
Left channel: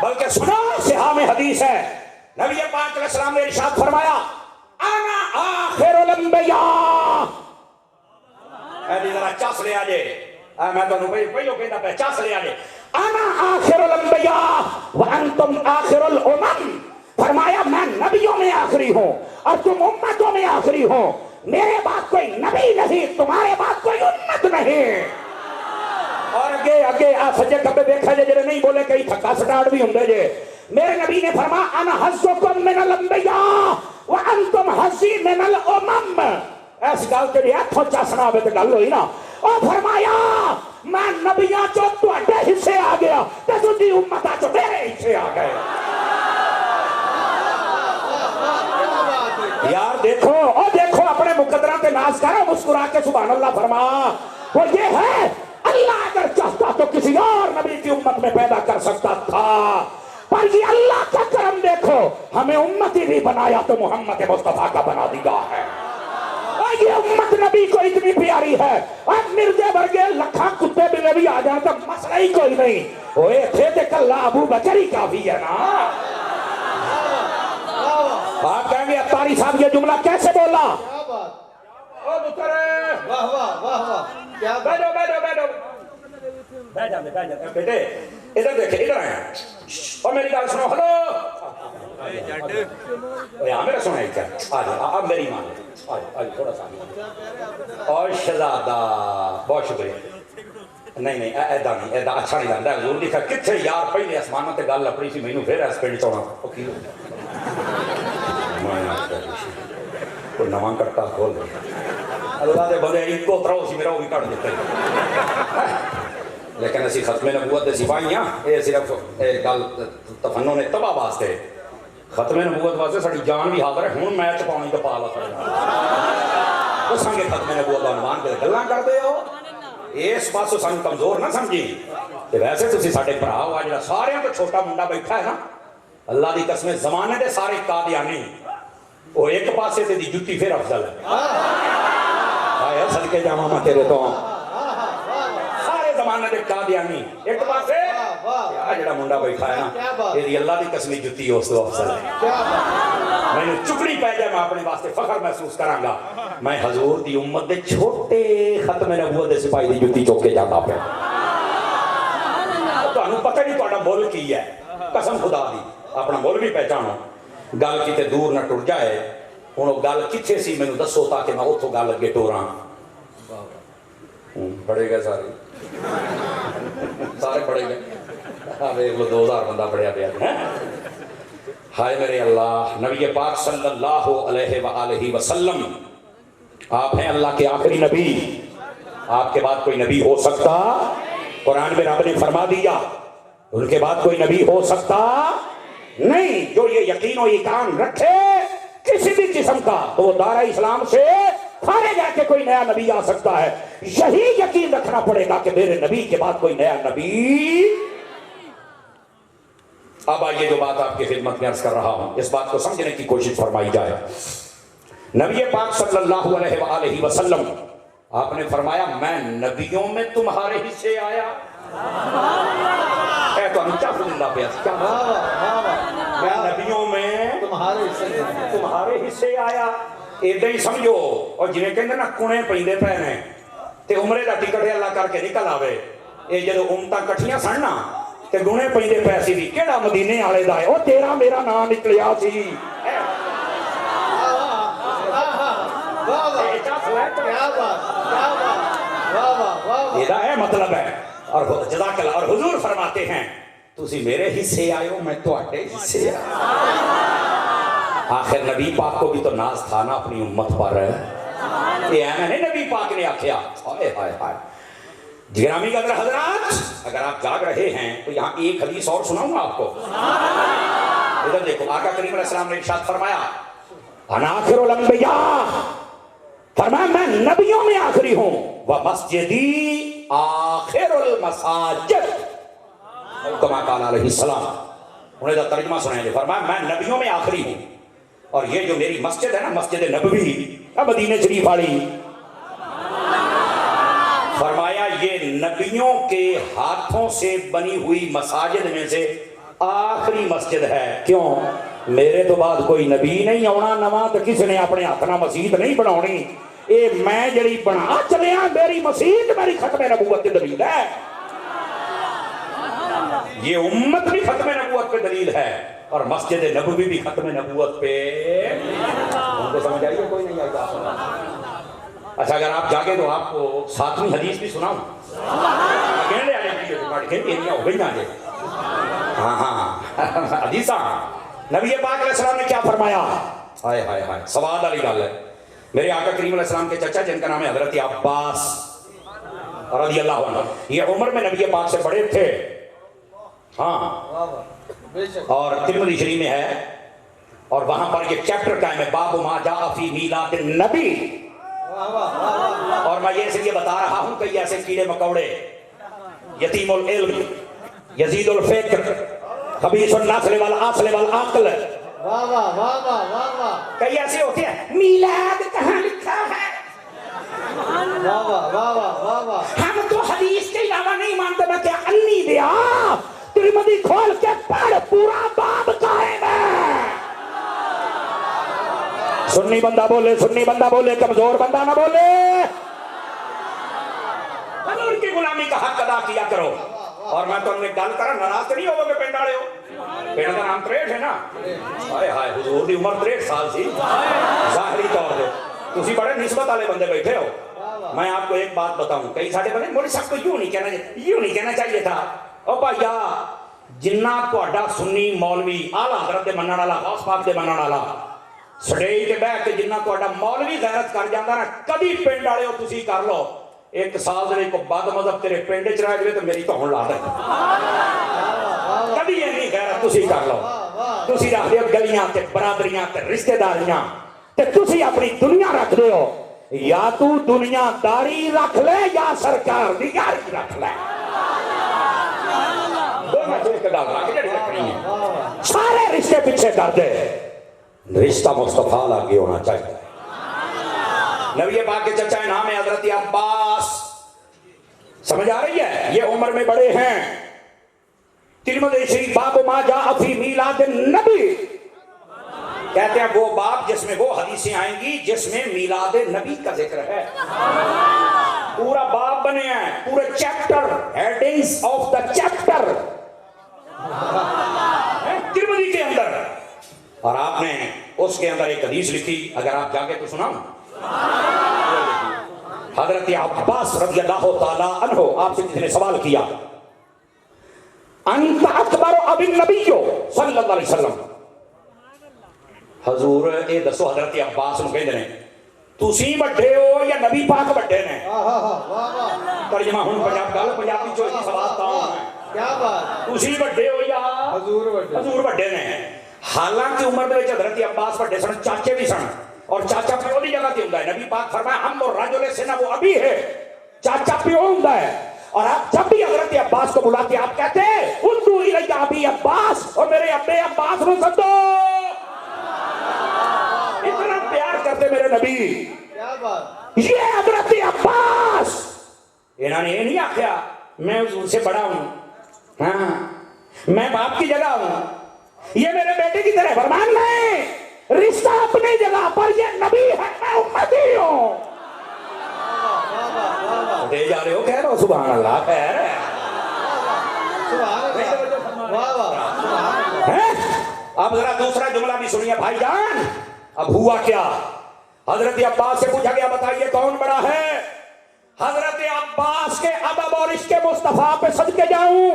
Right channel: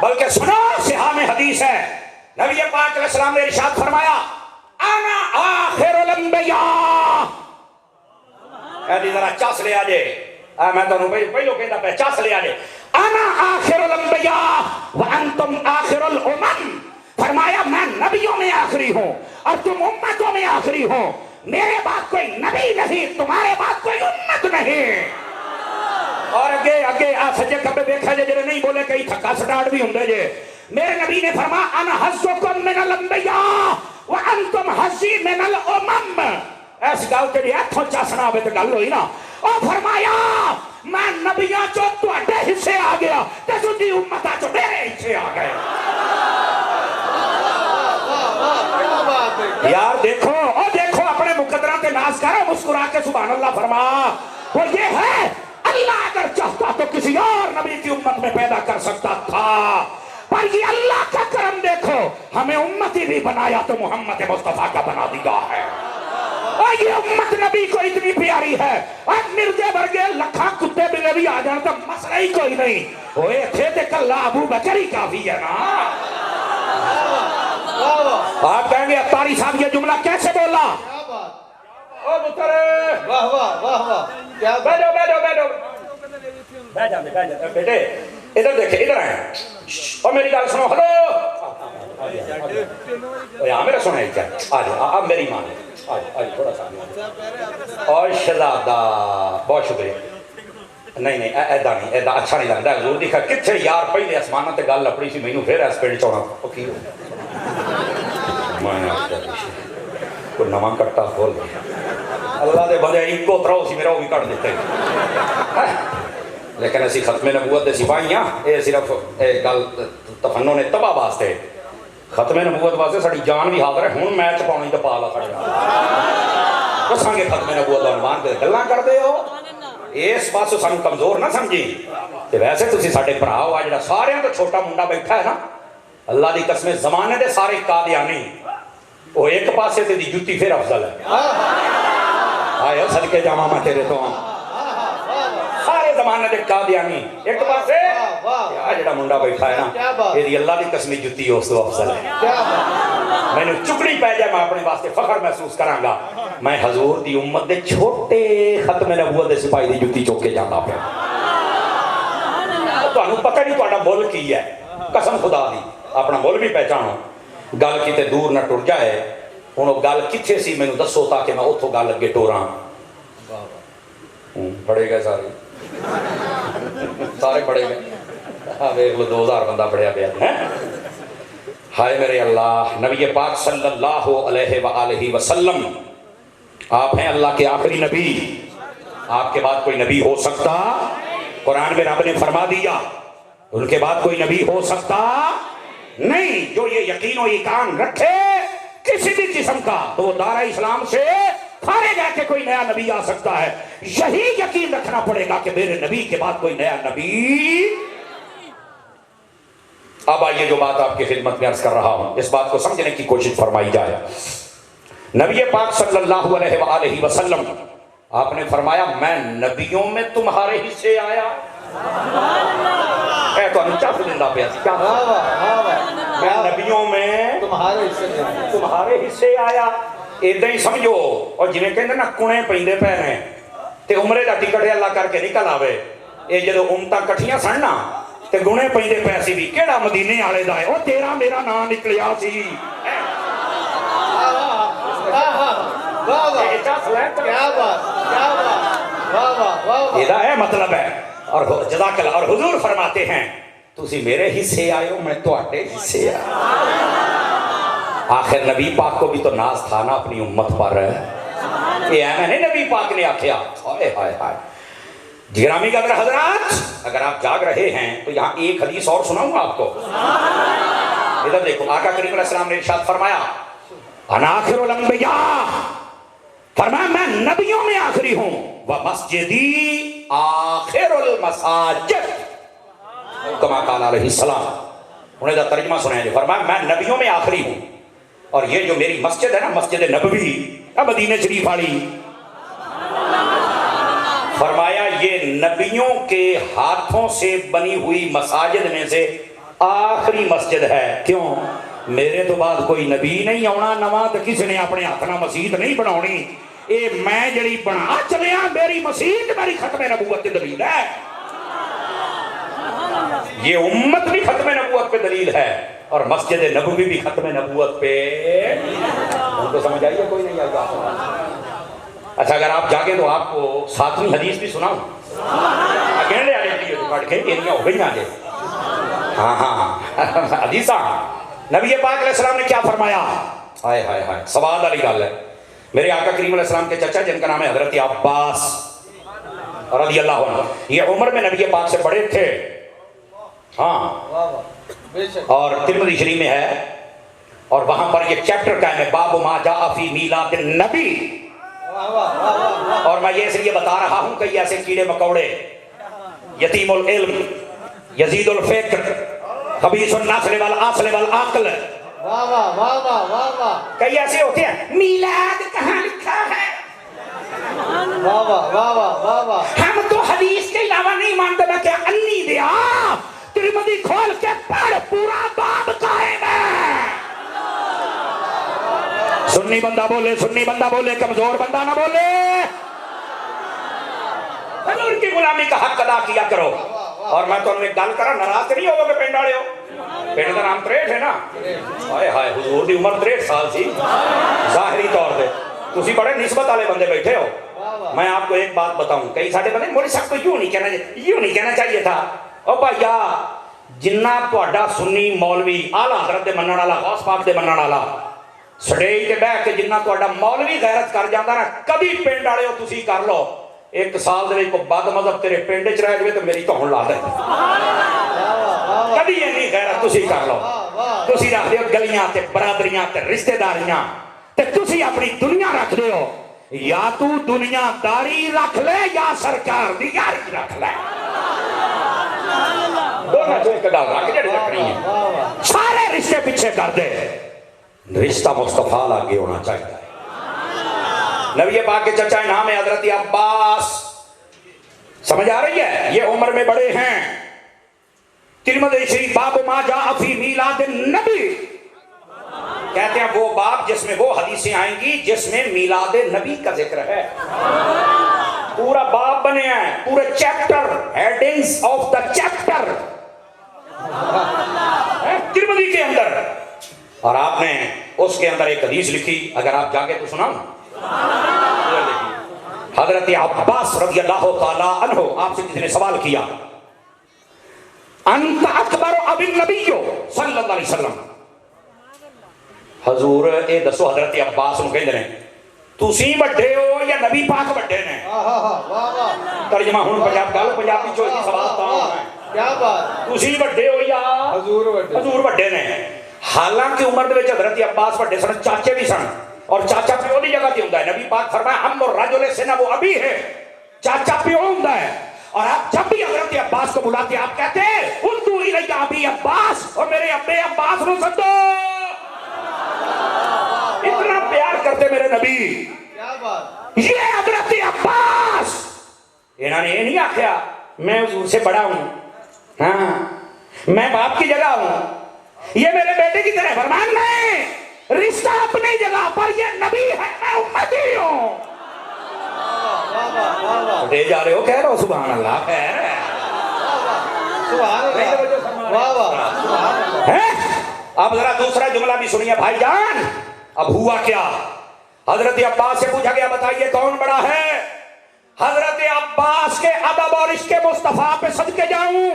بلکہ سنو صحاح میں حدیث ہے نبی پاک علیہ السلام نے ارشاد فرمایا انا آخر الانبیاء ایدی ذرا چاس لے آجے میں تو پہلو کہتا پہ چاس لے آجے انا آخر الانبیاء وانتم آخر الامم فرمایا میں نبیوں میں آخری ہوں اور تم امتوں میں آخری ہوں میرے بعد کوئی نبی نہیں تمہارے بعد کوئی امت نہیں اور اگے سجے کبے دیکھا جے جڑے نہیں بولے کئی تھکا سٹارٹ بھی ہوندے جے میرے نبی نے فرمایا انا حظکم من الانبیاء وانتم حظی من الامم ایسی گل تے ہتھوں چاسنا ہوے تے گل ہوئی نا او فرمایا میں نبیاں چوں تواڈے حصے آ گیا تے تسی امتاں چوں میرے حصے آ گئے یار دیکھو او دیکھو اپنے مقدراں تے ناز کرو مسکرا کے سبحان اللہ فرما اور یہ ہے اللہ اگر چاہتا تو کسی اور نبی کی امت میں پیدا کر سکتا تھا پر یہ اللہ کا کرم دیکھو ہمیں امتی بھی بنایا تو محمد مصطفیٰ کا بنا دیا ہے اور یہ امت نبی کو اتنی پیاری ہے اور مرزے برگے لکھاں کتے بلے بھی آ جائیں تو مسئلہ ہی کوئی نہیں اوے تھے تے کلا ابو بکر ہی کافی ہے نا آپ کہیں گے اتاری صاحب یہ جملہ کیسے بولا او بترے واہ واہ واہ واہ کیا بیٹھو بیٹھ جاندے بیٹے ادھر دیکھیں ادھر آئیں اور میری گل سنو ہلو یہاں میرا سنا ہی چاہے آج میری مان آج تھوڑا سا اور شہزادہ بہت شکریہ نہیں نہیں ایدا نہیں، ایدا اچھا نہیں لگتا حضور دی کتنے یار پہلے آسمانوں تے گل اپنی سی مینوں پھر اس پنڈ چوڑا او کی میں کوئی نواں کٹا کھول اللہ دے بندے ایکو تراؤ سی میرا وہ بھی کٹ دیتے لیکن اسی ختم نبوت دے سپاہی ہاں، یہ صرف گل تفنن تباہ واسطے، ختم نبوت واسطے ساری جان بھی حاضر ہے، ہن میچ پاؤنی تو پا لا کھڑے دساں گے ختم نبوت دا عنوان تے گلاں کردے ہو اس پاسوں سانوں کمزور نہ سمجھی تے ویسے تسی ساڈے بھرا ہو جڑا ساریاں تو چھوٹا منڈا بیٹھا ہے نا اللہ دی قسم زمانے دے سارے قادیانی وہ ایک پاسے تے دی جُتی پھر افضل ہے آئے صدقے جاواں میں تیرے تو سارے زمانے دے قادیانی ایک پاسے جڑا منڈا بیٹھا ہے نا یہ اللہ دی قسم جُتی اس تو افضل ہے میں نے چکڑی پہ جائے میں اپنے واسطے فخر محسوس کراں گا میں حضور دی امت دے چھوٹے ختم نبوت دے سپاہی دی جُتی چوک کے جاتا پہ تانوں پتہ نہیں تہاڈا مول کی ہے قسم خدا دی اپنا مول بھی پہچانو گل کیتے دور نہ ٹر جائے ہن وہ گل کتھے سی مینوں دسو تاکہ میں اتھوں گل اگے ٹوراں پڑھے گئے سارے پڑھے گئے ویکھ لو 2000 بندہ پڑھیا پیا ہے ہائے میرے اللہ نبی پاک صلی اللہ علیہ وآلہ وسلم آپ ہیں اللہ کے آخری نبی آپ کے بعد کوئی نبی ہو سکتا قرآن میں رب نے فرما دیا ان کے بعد کوئی نبی ہو سکتا نہیں جو یہ یقین و ایقان رکھے کسی بھی قسم کا تو وہ دارہ اسلام سے خارج آ کے کوئی نیا نبی آ سکتا ہے یہی یقین رکھنا پڑے گا کہ میرے نبی کے بعد کوئی نیا نبی اب آئیے جو بات آپ کی خدمت میں عرض کر رہا ہوں اس بات کو سمجھنے کی کوشش فرمائی جائے نبی پاک صلی اللہ علیہ وآلہ وسلم آپ نے فرمایا میں نبیوں میں تمہارے حصے آیا اے تو انچا فلندہ پہ میں نبیوں میں تمہارے حصے آیا ایدہ ہی سمجھو اور جنہیں کہنے نا کنے پہندے پہنے تے عمرے دا ٹکٹ اللہ کر کے نکل آوے اے جدو امتہ کٹھیاں سننا تے گنے پہندے پیسی بھی کیڑا مدینے آلے دائے او تیرا میرا نام نکلیا سی یہ ہے مطلب ہے اور جزاک اللہ اور حضور فرماتے ہیں تسی میرے حصے آئے ہو میں تو آٹے حصے آئے آخر نبی پاک کو بھی تو ناز تھا نا اپنی امت پر یہ ہے میں نے نبی پاک نے آکھیا ہائے ہائے ہائے گرامی قدر حضرات اگر آپ جاگ رہے ہیں تو یہاں ایک حدیث اور سناؤں گا آپ کو ادھر دیکھو آقا کریم علیہ السلام نے ارشاد فرمایا انا آخر الانبیاء فرمایا میں نبیوں میں آخری ہوں ومسجدی آخر المساجد کما قال علیہ السلام انہیں دا ترجمہ سنائیں فرمایا میں نبیوں میں آخری ہوں اور یہ جو میری مسجد ہے نا مسجد نبوی مدینہ شریف والی فرمایا یہ نبیوں کے ہاتھوں سے بنی ہوئی مساجد میں سے آخری مسجد ہے کیوں میرے تو بعد کوئی نبی نہیں آنا نواں تو کسی نے اپنے ہاتھ نہ مسجد نہیں بناونی اے میں جڑی بنا چلیا میری مسجد میری ختم نبوت کی دلیل ہے یہ امت بھی ختم نبوت پہ دلیل ہے اور مسجد نبوی بھی ختم نبوت پہ ان کو سمجھ آئیے کوئی نہیں آئیے اچھا اگر آپ جاگے تو آپ کو ساتویں حدیث بھی سناؤں اگینڈے آنے کی جو پڑھ کے انیاں ہو گئی آگے ہاں حدیثہ نبی پاک علیہ السلام نے کیا فرمایا ہائے ہائے ہائے سواد علی گل ہے میرے آقا کریم علیہ السلام کے چچا جن کا نام ہے حضرت عباس رضی اللہ عنہ یہ عمر میں نبی پاک سے بڑے تھے ہاں اور ترمذی شریف میں ہے اور وہاں پر یہ چیپٹر قائم ہے باب ما جاء فی میلاد النبی اور میں یہ اس لیے بتا رہا ہوں کہ ایسے کیڑے مکوڑے یتیم العلم یزید الفکر خبیث النسل والعسل والعقل کئی ایسے ہوتے ہیں میلاد کہاں لکھا ہے ہم تو حدیث کے علاوہ نہیں مانتے میں کیا انی دیا ترمذی کھول کے پڑھ پورا باب قائم ہے سنی بندہ بولے کمزور بندہ نہ بولے حضور کی غلامی کا حق ادا کیا کرو اور میں تو انہیں گل کرا ناراض نہیں ہوگا کہ پنڈ والے ہو پنڈ کا نام 63 ہے نا ہائے ہائے حضور دی عمر 63 سال سی ظاہری طور پہ تسی بڑے نسبت والے بندے بیٹھے ہو میں آپ کو ایک بات بتاؤں, کئی ساڈے بندے مولوی صاحب کو یوں نہیں کہنا چاہیے تھا. او بھائیا جنہ تہاڈا سنی مولوی اعلیٰ حضرت دے منن والا, غوث پاک دے منن والا سٹیج تے بیٹھ کے جنہ تہاڈا مولوی غیرت کر جاندا نا, کبھی پنڈ والے تسی کر لو, ایک سال دے کو بد مذہب تیرے پنڈ چ رہ جائے تو میری تو ہن لا دے. کبھی نہیں غیرت تسی کر لو. تسی رکھ دیو گلیاں تے برادریاں تے رشتہ داریاں تے تسی اپنی دنیا رکھ دیو. یا تو دنیا داری رکھ لے یا سرکار دی یاری رکھ لے. دونوں تو ایک گل رکھ جڑی رکھنی ہے. سارے رشتے پیچھے کر دے, رشتہ مصطفیٰ آگے ہونا چاہیے. نبی پاک کے چچا نام ہے حضرت عباس. سمجھ آ رہی ہے؟ یہ عمر میں بڑے ہیں. ترمذی شریف باب ما جاء فی میلاد النبی, کہتے ہیں وہ باب جس میں وہ حدیثیں آئیں گی جس میں میلاد نبی کا ذکر ہے. پورا باب بنے ہیں, پورے chapter, headings of the chapter Tirmidhi کے اندر. اور آپ نے اس کے اندر ایک حدیث لکھی, اگر آپ جاگے تو سناؤں. حضرت عباس رضی اللہ تعالی عنہ, آپ سے کسی نے سوال کیا, انت اکبر اب النبی صلی اللہ علیہ وسلم. حضور اے دسو حضرت عباس نو کہندے نے تسی بڑے ہو یا نبی پاک بڑے نے؟ ترجمہ ہن پنجابی چ سوال تا کیا بات, تسی بڑے ہو یا حضور بڑے نے. حالانکہ عمر دے وچ حضرت عباس بڑے سن, چاچے بھی سن, اور چاچا پیو دی جگہ تے ہوندا ہے. نبی پاک فرمایا ہم اور رجل سے نہ وہ ابھی ہے, چاچا پیو ہوندا ہے. اور آپ جب بھی حضرت عباس کو بلاتے آپ کہتے ہیں اردو الی ابی عباس, اور میرے ابے عباس نو سدو. اتنا پیار کرتے میرے نبی. کیا بات, یہ حضرت عباس, انہوں نے یہ نہیں آخیا میں حضور سے بڑا ہوں, ہاں میں باپ کی جگہ ہوں, یہ میرے بیٹے کی طرح فرمان نہیں. رشتہ اپنی جگہ پر, یہ نبی ہے میں امتی ہوں. دے جا رہے ہو, کہہ رہے ہو سبحان اللہ. خیر ہے, واہ واہ. اب ذرا دوسرا جملہ بھی سنیے بھائی جان. اب ہوا کیا, حضرت عباس سے پوچھا گیا بتائیے کون بڑا ہے. حضرت عباس کے ادب اور عشق مصطفیٰ پہ صدقے جاؤں,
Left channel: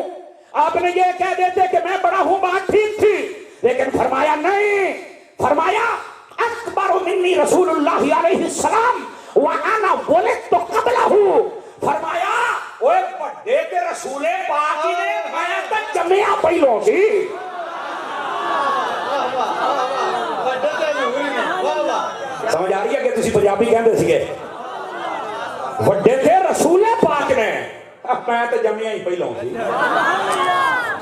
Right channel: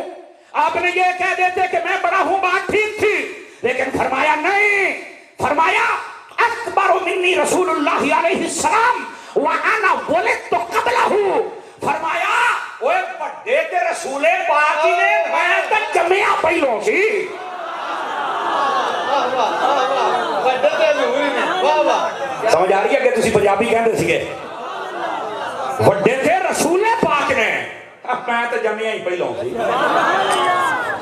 آپ نے یہ کہہ دیتے کہ میں بڑا ہوں, بات ٹھیک تھی, لیکن فرمایا نہیں. فرمایا اکبر منی رسول اللہ علیہ السلام وانا ولدت قبلہ. فرمایا اوے بڑے تے رسول پاک نے, میں تے جمیا پہلوں سی. سمجھ آ رہی ہے کہ تسی پنجابی کہندے سیگے وڈے تھے رسول پاک نے, میں تے جمیا ہی پہلوں سی.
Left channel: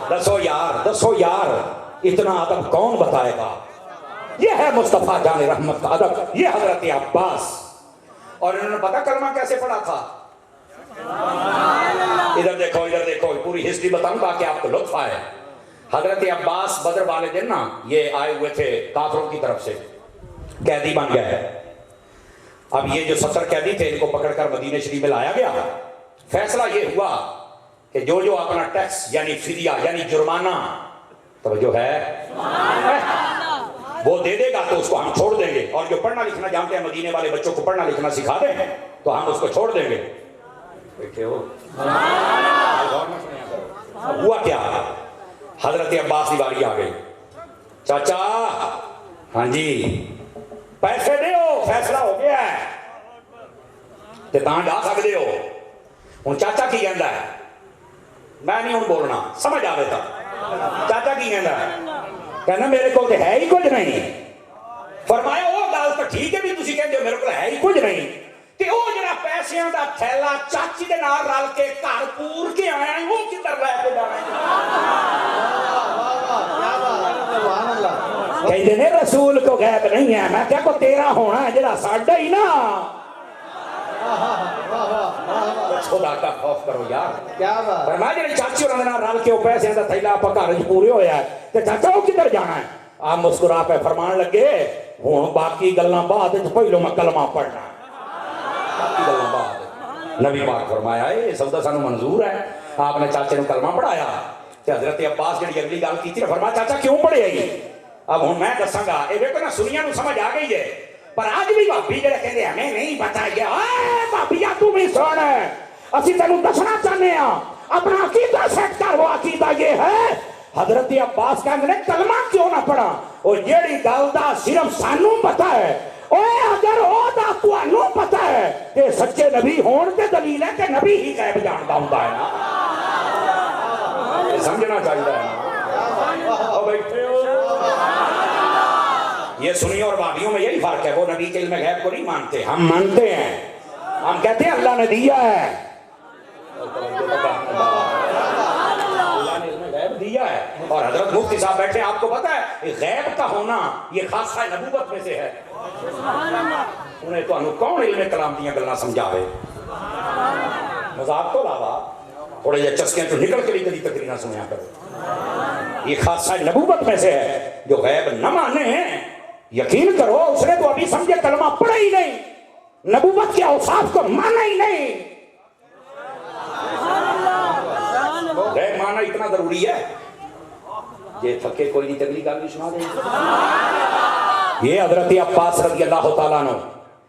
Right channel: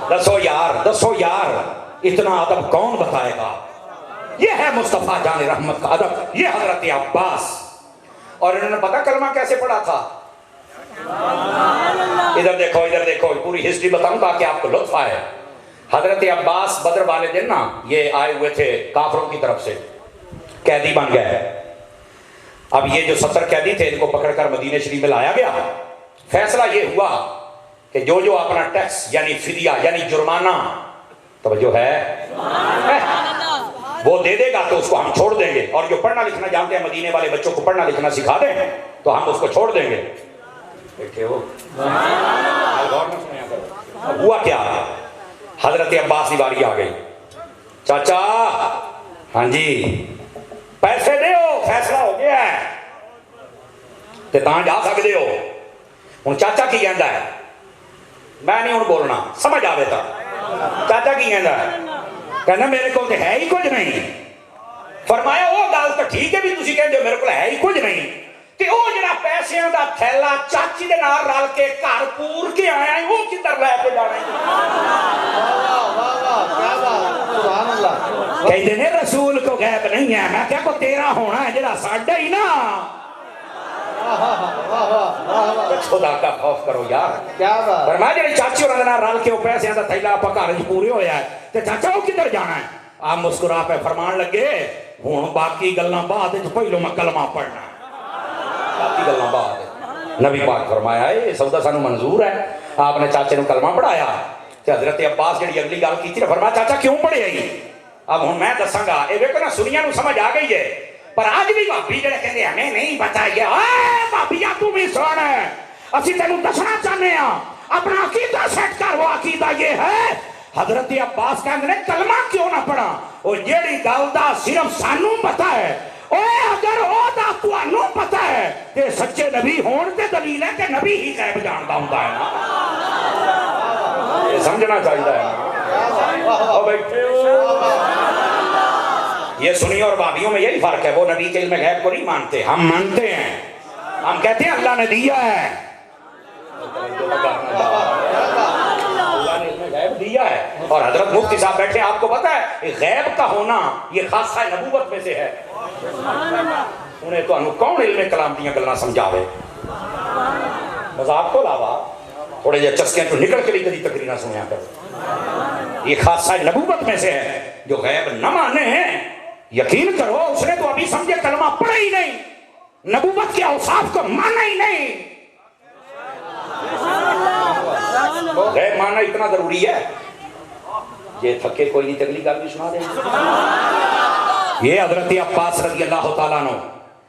دسو یار اتنا ادب کون بتائے گا. یہ ہے مصطفیٰ جان رحمت کا ادب, یہ حضرت عباس. اور انہوں نے پتا کلمہ کیسے پڑھا تھا. ادھر دیکھو پوری ہسٹری بتاؤں تاکہ آپ کو لطف آئے. حضرت عباس بدر والے دن نا یہ آئے ہوئے تھے کافروں کی طرف سے, قیدی بن گئے. اب یہ جو 70 قیدی تھے ان کو پکڑ کر مدینہ شریف میں لایا گیا. فیصلہ یہ ہوا کہ جو اپنا ٹیکس یعنی فدیہ یعنی جرمانہ, توجہ ہے, وہ دے دے گا تو اس کو ہم چھوڑ دیں گے, اور جو پڑھنا لکھنا جانتے ہیں مدینے والے بچوں کو پڑھنا لکھنا سکھا دیں تو ہم اس کو چھوڑ دیں گے. ہوا کیا, حضرت عباس کی باری آ گئی. چاچا ہاں جی پیسے دے ہو, فیصلہ ہو گیا ہے کہ تاں جا سکتے ہو. ہوں چاچا کی کہندا ہے, میں نہیں ہوں بولنا, سمجھ آ دیتا. چاچا کی کہندا ہے, کہنا میرے کو ہے ہی کچھ نہیں. فرمایا وہ گل تو ٹھیک ہے بھی تسی کہندے ہو میرے کو ہے ہی کچھ نہیں, تے او جڑا پیسیاں دا تھیلا چاچی دے نال رل کے گھر پور کے آیا ہے, وہ کدھر لے کے جانا ہے. کہندے نے رسول کو غیب نہیں ہے. میں کہا کو تیرا ہونا ہے جڑا ساڈا ہی نا. خدا کا خوف کرو یار. کیا بات, فرمایا جڑی چاچی ہونا دے نال رل کے او پیسیاں دا تھیلا اپا گھر وچ پورے ہویا ہے, تے چاچا وہ کدھر جانا ہے. آپ مسکرا پہ فرمان لگے ہوں باقی گلاں بعد وچ, پہلو میں کلمہ پڑھنا. باقی گلاں بعد. نبی پاک فرمایا یہ سودا سانو منظور ہے. آپ نے چاچے نو کلمہ پڑھایا. تے حضرت عباس جڑی اگلی گل کیتی نا, فرمایا چاچا کیوں پڑھے گی. اب ہوں میں دساں گا, اے ویکھو نا سنیاں نو سمجھ آ گئی ہے, پر آج بھی بھابی جڑے کہندے ہمیں نہیں پتا یہ اے بھابیا تو بھی سن اسی تینوں دسنا چاہنے ہاں اپنا عقیدہ سیٹ کر وہ عقیدہ یہ ہے حضرت عباس کہندے نے کلمہ کیوں نہ پڑھا اور جیڑی گل دا صرف سانوں پتہ ہے اے اگر او دا تانوں پتہ ہے کہ سچے نبی ہون تے دلیل ہے کہ نبی ہی غیب جاندا ہوندا ہے نا سمجھنا چاہیے او بیٹھے یہ سنی اور بابیوں میں یہی فرق ہے وہ نبی کے علم غیب کو نہیں مانتے ہم مانتے ہیں ہم کہتے ہیں اللہ نے دیا ہے اللہ نے علم غیب دیا ہے اور حضرت مفتی صاحب بیٹھے آپ کو پتا ہے غیب کا ہونا یہ خاصہ نبوت میں سے ہے انہیں تو انہوں کون علم کلام دیاں گلنا سمجھاوے مذاق کو علاوہ تھوڑے جے چسکیں تو نکل کے لیے کدی تقریرہ سنیا کرو یہ خاصہ نبوت میں سے ہے جو غیب نہ مانے ہیں یقین کرو اس نے تو ابھی سمجھے کلمہ پڑھا ہی نہیں نبوت کے اوصاف کو مانا ہی نہیں غیب مانا اتنا ضروری ہے یہ تھکے کوئی نہیں تگلی گل بھی سنا دیں یہ حضرت عباس رضی اللہ تعالیٰ عنہ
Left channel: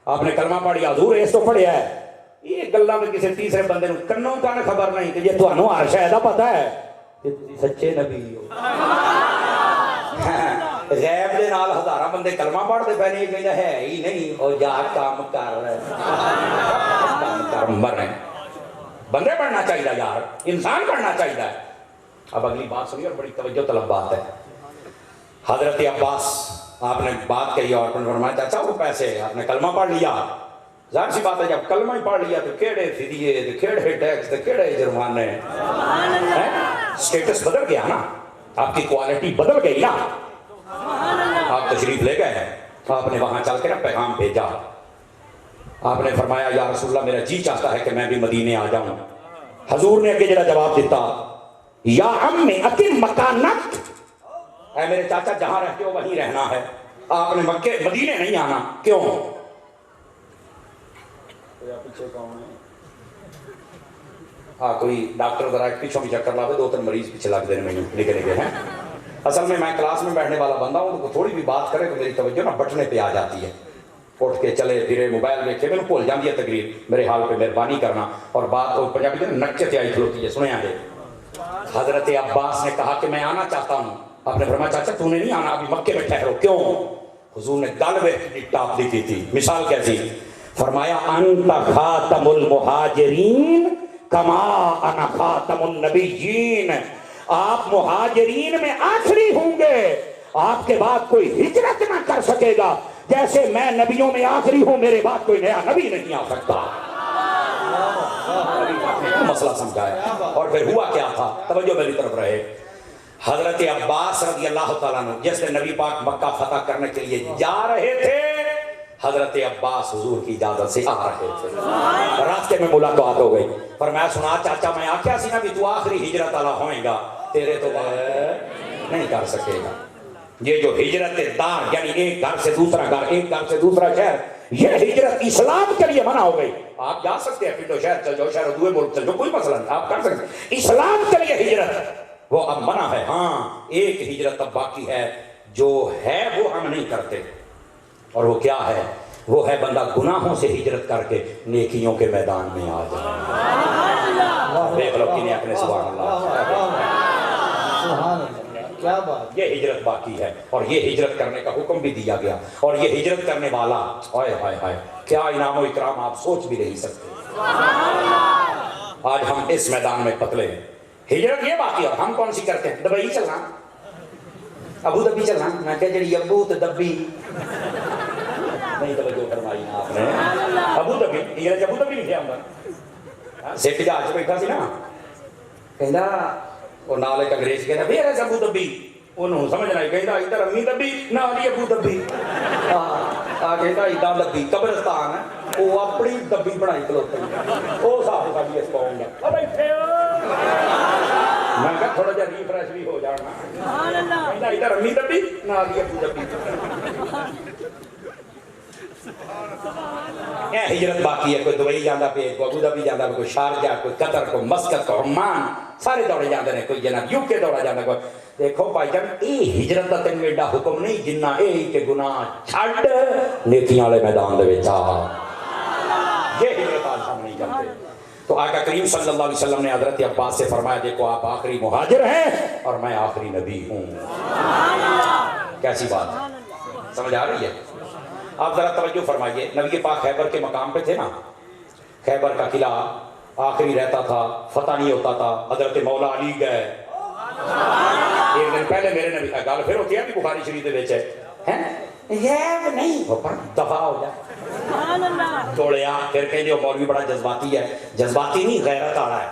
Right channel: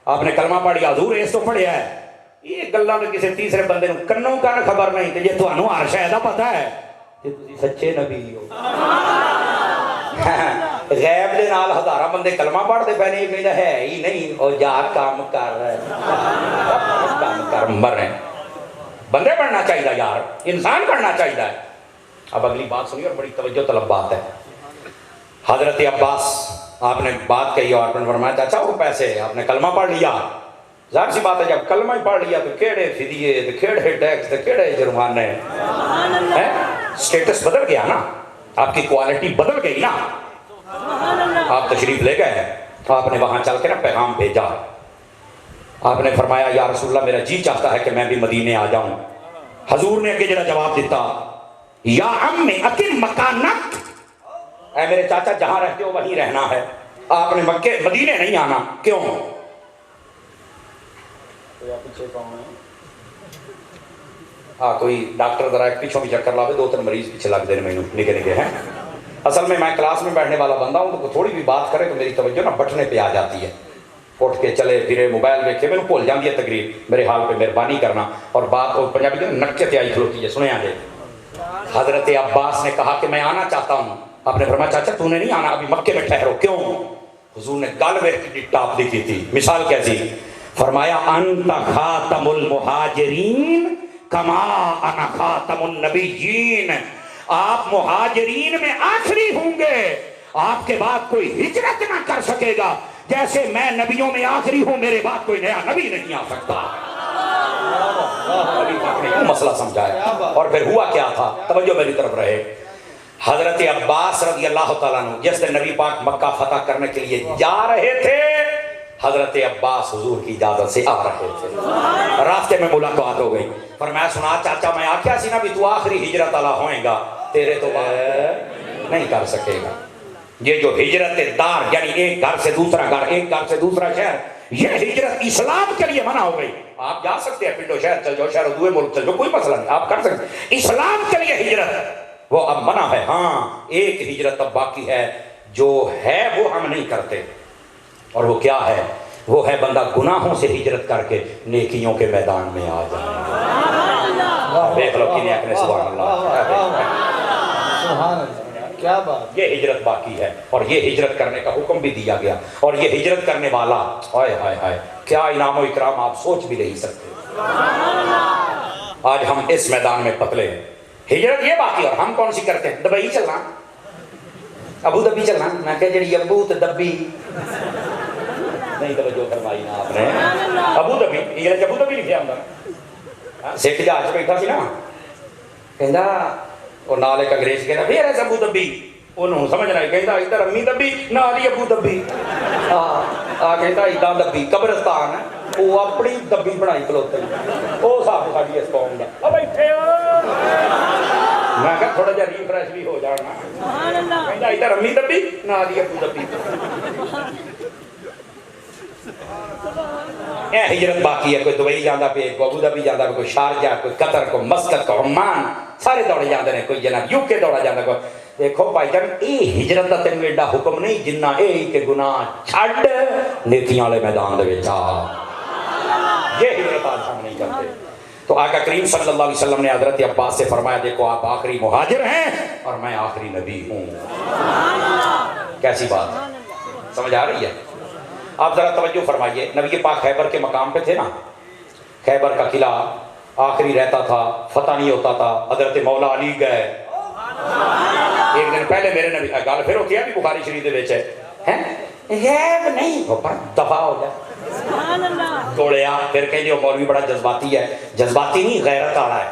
آپ نے کلمہ پڑھی حضور اس تو پڑھیا ہے یہ گلاں میں کسی تیسرے بندے نوں کنوں کان خبر نہیں کہ یہ تانوں ہر شے دا پتہ ہے کہ تسی سچے نبی ہو غیب دے نال ہزاراں بندے کلمہ پڑھدے پے نے کہندا ہے ہی نہیں او یار کام کر رہا ہے کام کر مر رہے بندے بننا چاہیے یار انسان بننا چاہیے اب اگلی بات سنیے اور بڑی توجہ طلب بات ہے حضرت عباس آپ نے بات کہی اور فرمایا چاچا وہ پیسے آپ نے کلمہ پڑھ لیا ظاہر سی بات ہے جب کلمہ ہی پڑھ لیا تو کیڑے فدیے تو کیڑے ٹیکس تو کیڑے جرمانے سٹیٹس بدل گیا نا آپ کی کوالٹی بدل گئی نا آپ تشریف لے گئے آپ نے وہاں چل کے نا پیغام بھیجا آپ نے فرمایا یا رسول اللہ میرا جی چاہتا ہے کہ میں بھی مدینے آ جاؤں حضور نے اگے جڑا جواب دیتا یا عم اقم مکانک اے میرے چاچا جہاں رہتے ہو وہیں رہنا ہے آپ نے مکے مدینے نہیں آنا کیوں ہاں کوئی ڈاکٹر ذرا ایک پیچھوں بھی چکر لاوے 2-3 مریض پیچھے لگ دینے میں نکے نکے ہیں اصل میں کلاس میں بیٹھنے والا بندہ ہوں تو تھوڑی بھی بات کرے تو میری توجہ نا بٹنے پہ آ جاتی ہے اٹھ کے چلے پھرے موبائل دیکھے میں بھول جاتی ہے تقریر میرے حال پہ مہربانی کرنا اور بات اور پنجابی کے نکے پہ آئی کھلوتی ہے سنیں آگے حضرت عباس نے کہا کہ میں آنا چاہتا ہوں آپ نے فرمایا چاچا تو نے نہیں آنا ابھی مکے میں ٹھہرو کیوں حضور نے گل میں ٹاپ دکھی تھی مثال کیسی فرمایا انت خاتم المہاجرین کما انا خاتم النبیین آپ مہاجرین میں آخری ہوں گے آپ کے بعد کوئی ہجرت نہ کر سکے گا جیسے میں نبیوں میں آخری ہوں میرے بعد کوئی نیا نبی نہیں آ سکتا مسئلہ سمجھایا اور پھر ہوا کیا تھا توجہ میری طرف رہے حضرت عباس رضی اللہ تعالیٰ عنہ جس دن نبی پاک مکہ فتح کرنے کے لیے جا رہے تھے حضرت عباس حضور کی اجازت سے آ رہے تھے راستے میں ملاقات ہو گئی پر میں سنا چاچا میں آکھیا سی نا بھی تو آخری ہجرت والا ہوئے گا تیرے تو نہیں کر سکے گا یہ جو ہجرت دار یعنی ایک گھر سے دوسرا گھر ایک گھر سے دوسرا شہر یہ ہجرت اسلام کے لیے منع ہو گئی آپ جا سکتے ہیں پنڈو شہر چل جاؤ شہر دوسرے ملک چل جاؤ کوئی مسئلہ نہیں آپ کر سکتے ہیں اسلام کے لیے ہجرت وہ اب منع ہے ہاں ایک ہجرت اب باقی ہے جو ہے وہ ہم نہیں کرتے اور وہ کیا ہے وہ ہے بندہ گناہوں سے ہجرت کر کے نیکیوں کے میدان میں آ جائے دیکھ لو کہ اپنے سبحان اللہ کیا بات یہ ہجرت باقی ہے اور یہ ہجرت کرنے کا حکم بھی دیا گیا اور یہ ہجرت کرنے والا ہائے ہائے ہائے کیا انعام و اکرام آپ سوچ بھی نہیں سکتے آج ہم اس میدان میں پتلے ہیں ہجرت یہ باقی اور ہم کون سی کرتے ہیں دبئی چلنا ابو دبی چلنا میں کہ جڑی ابو تو دبی نہیں توجہ فرمائی نا آپ نے ابو دبی انگلش ابو دبی لکھیا ہوندا سکھ جہاز بیٹھا سی نا کہندا وہ نال ایک انگریز کہندا پھر ایس ابو دبی انہوں سمجھ نہیں کہندا ادھر امی دبی نال ہی ابو دبی آ کہندا ادھر دبی قبرستان ہے وہ اپنی دبی بنائی کھلوتے وہ صاحب ساڈی اس قوم دا او بیٹھے میں کہا تھوڑا جہا ریفریش بھی ہو جانا سبحان اللہ کہندا ادھر امی دبی نال ہی ابو دبی اے ہجرت باقی ہے کوئی دبئی جاندہ پہ کوئی ابو دبی جاندہ پہ کوئی شارجہ کوئی قطر کوئی مسقط کوئی عمان سارے دوڑے جاندے نے کوئی جناب یو کے دوڑا جاندہ کوئی دیکھو بھائی جان یہ ہجرت کا تین ایڈا حکم نہیں جنہ یہ کہ گناہ چھڈ نیکیاں والے میدان دے وچ آ، یہ ہجرت آج ہم نہیں جانتے۔ تو آقا کریم صلی اللہ علیہ وسلم نے حضرت عباس سے فرمایا دیکھو آپ آخری مہاجر ہیں اور میں آخری نبی ہوں۔ کیسی بات سمجھ آ رہی ہے؟ آپ ذرا توجہ فرمائیے، نبی پاک خیبر کے مقام پہ تھے نا، خیبر کا قلعہ آخری رہتا تھا، فتح نہیں ہوتا تھا، حضرت مولا علی گئے ایک دن پہلے میرے نبی گل پھر ہوتی ہے بھی بخاری شریف دے وچ ہے غیب نہیں پر دفاع ہو جائے توڑیا پھر کہیں مولوی بڑا جذباتی ہے، جذباتی نہیں غیرت والا ہے،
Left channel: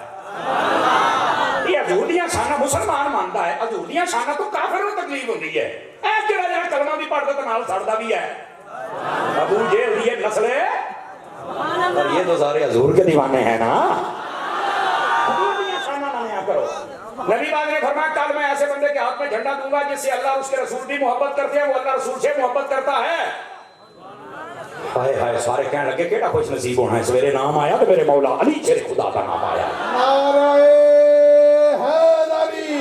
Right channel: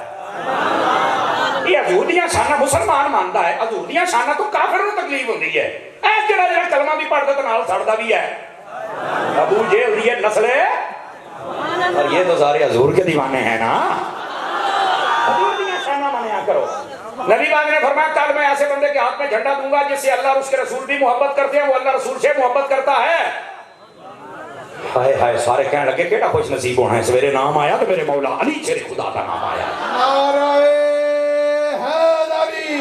یہ حضور دیاں شاناں مسلمان مانتا ہے، حضور دیاں شاناں تو کافر نوں تکلیف ہوندی ہے، اے جڑا جڑا کلمہ بھی پڑھدا تے نال سڑدا بھی ہے، ابو جہل دی نسل ہے اور یہ تو سارے حضور کے دیوانے ہیں نا، حضور دیاں شاناں منیا کرو۔ نبی پاک نے فرمایا کل میں ایسے بندے کے ہاتھ میں جھنڈا دوں گا جس سے اللہ اور اس کے رسول بھی محبت کرتے ہیں، وہ اللہ رسول سے محبت کرتا ہے۔ ہائے ہائے سارے کہنے لگے کیڑا خوش نصیب ہونا ہے، سویرے نام آیا تو میرے مولا علی شیر خدا کا نام آیا۔ نعرہ حیدری،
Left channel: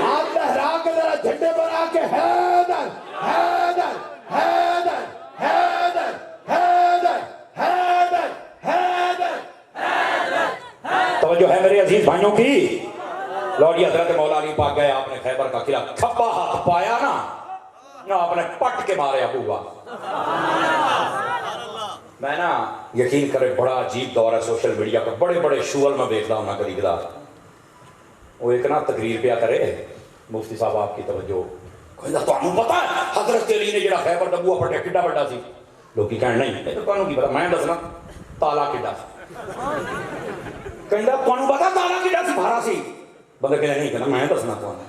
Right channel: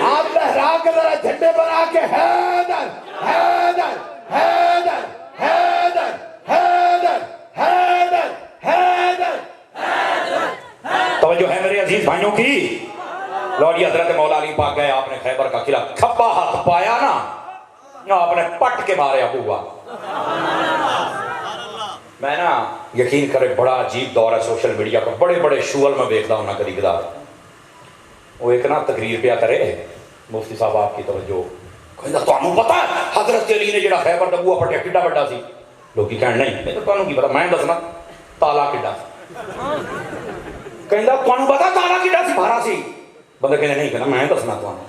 ہاتھ لہرا کے ذرا جھنڈے بنا کے حیدر حیدر حیدر حیدر حیدر حیدر حیدر۔ توجہ ہے میرے عزیز بھائیوں کی، لوڈی حضرت مولا علی پاک گئے، آپ نے خیبر کا قلعہ کھپا ہاتھ پایا نا، آپ نے پٹ کے مارے ابوا۔ میں نا یقین کرے بڑا عجیب دور ہے سوشل میڈیا کا، بڑے بڑے شول میں دیکھتا ہوں نا کدی کدار، وہ ایک نا تقریر پیا کرے مفتی صاحب آپ کی توجہ، کہندا تانوں پتہ ہے حضرت علی نے جڑا خیبر دا بوا پٹیا کڈا بڑا سی؟ لوکی کہن نہیں میں تو تانوں کی پتہ، میں دسنا تالا کڈا کہندا تانوں پتہ تالا کڈا سی؟ بھارا سی۔ بندہ کہنے نہیں کہنا میں دسنا تانوں۔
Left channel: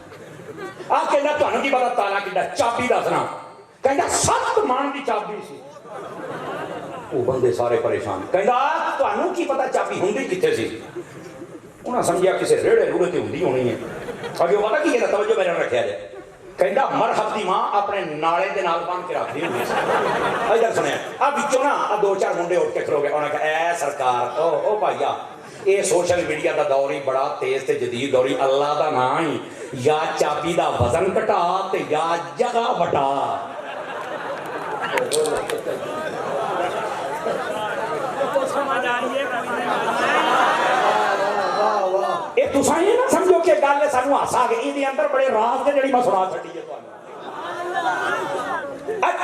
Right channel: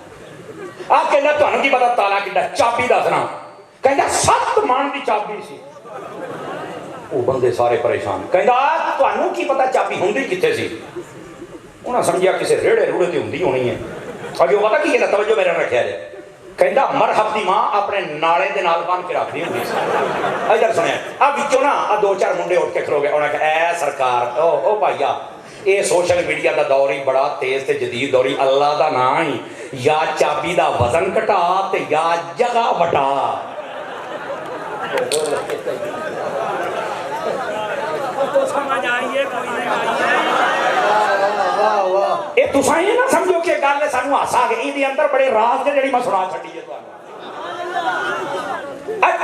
آپ کہندا تانوں کی پتہ تالا کڈا؟ چابی دسنا۔ کہندا 7 مان دی چابی سی۔ وہ بندے سارے پریشان، کہندا تانوں کی پتہ چابی ہوندی کتھے سی؟ انہاں سمجھیا کسے ریڑے روڑے تے ہوندی ہونی ہے۔ اگے پتہ کی ہے توجہ میرے رکھیا جائے، کہندا مرحب دی ماں اپنے نالے دے نال بن کے رکھدی ہوندی سی۔ ادھر سنیا آ وچوں نا 2-4 منڈے اٹھ کے کھلو گئے، انہاں کہا اے سرکار او بھائیا یہ سوشل میڈیا دا دور ہی بڑا تیز تے جدید دور ہی، اللہ دا نام ہی یا چابی دا وزن کٹا تے یا جگہ بٹا۔ تو سمجھ آئیے کوئی نہیں آئیے۔ اے تساں یہ نہ سمجھو کہ گل سانو ہسا گئی، دے اندر بڑے راز نے جڑی میں سنا چھڈی ہے تانوں۔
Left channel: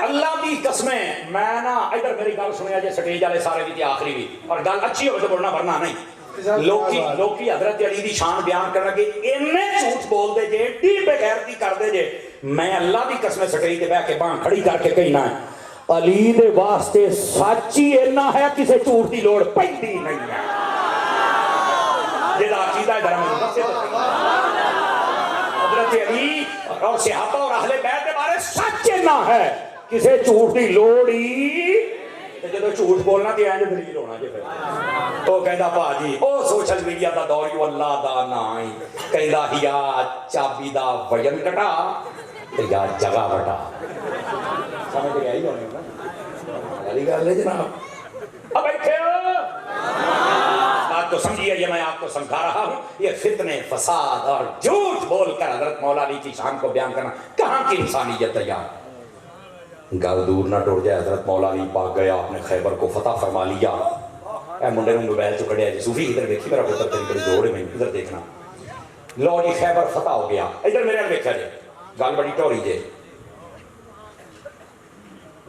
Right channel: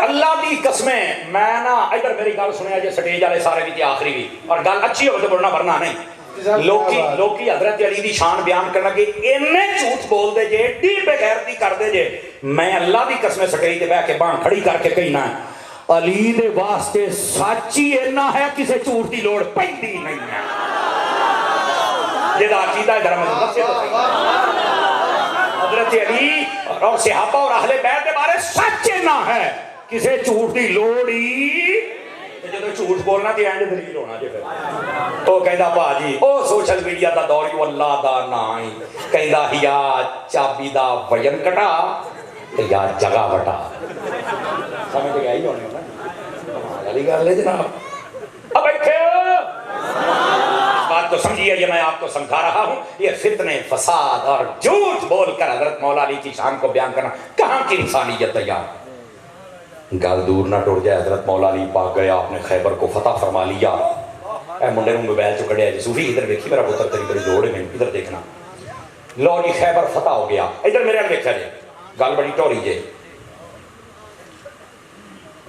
اللہ دی قسمیں میں نا ادھر میری گل سنیا جے سٹیج والے سارے بھی تے آخری بھی، اور گل اچھی ہوے تے بولنا ورنہ نہیں۔ لوکی حضرت علی دی شان بیان کرنا کہ اینے جھوٹ بول دے جے، ایڈی بے غیرتی کر دے جے، میں اللہ دی قسم سٹیج تے بیٹھ کے باں کھڑی کر کے کہنا علی دے واسطے سچ ہی اینا ہے، کسے جھوٹ دی لوڑ پیندی نہیں ہے۔ جدا عقیدہ ہے درم سے حضرت علی اور صحابہ اور اہل بیت کے بارے سچ اینا ہے، کسے جھوٹ دی لوڑ ہی جدو جھوٹ بولنا تے اینڈ دلیل ہونا جے پھر تو کہندا باجی او سوشل میڈیا دا دور ہی اللہ دا نام ہی، کہندا یا چابی دا وزن کٹا تے یا جگہ بٹا۔ سمجھ گئے ہی ہونے نا علی گل ہے جناب۔ اب بیٹھے بات تو سمجھیے، یہ میں آپ کو سمجھا رہا ہوں، یہ فتنے فساد اور جھوٹ بول کر حضرت مولا علی کی شان کو بیان کرنا کہاں کی انسانیت ہے یار۔ گل دور نہ ٹوٹ جائے، حضرت مولا علی پاک گیا، آپ نے خیبر کو فتح فرما لیا۔ اے منڈے نے موبائل چ کڈیا جی صوفی ادھر دیکھی میرا پتر تیری بڑی لوڑ ہے، میں ادھر دیکھنا۔ لو جی خیبر فتح ہو گیا، ادھر میرے نے دیکھا جی گل بڑی ٹوری جی،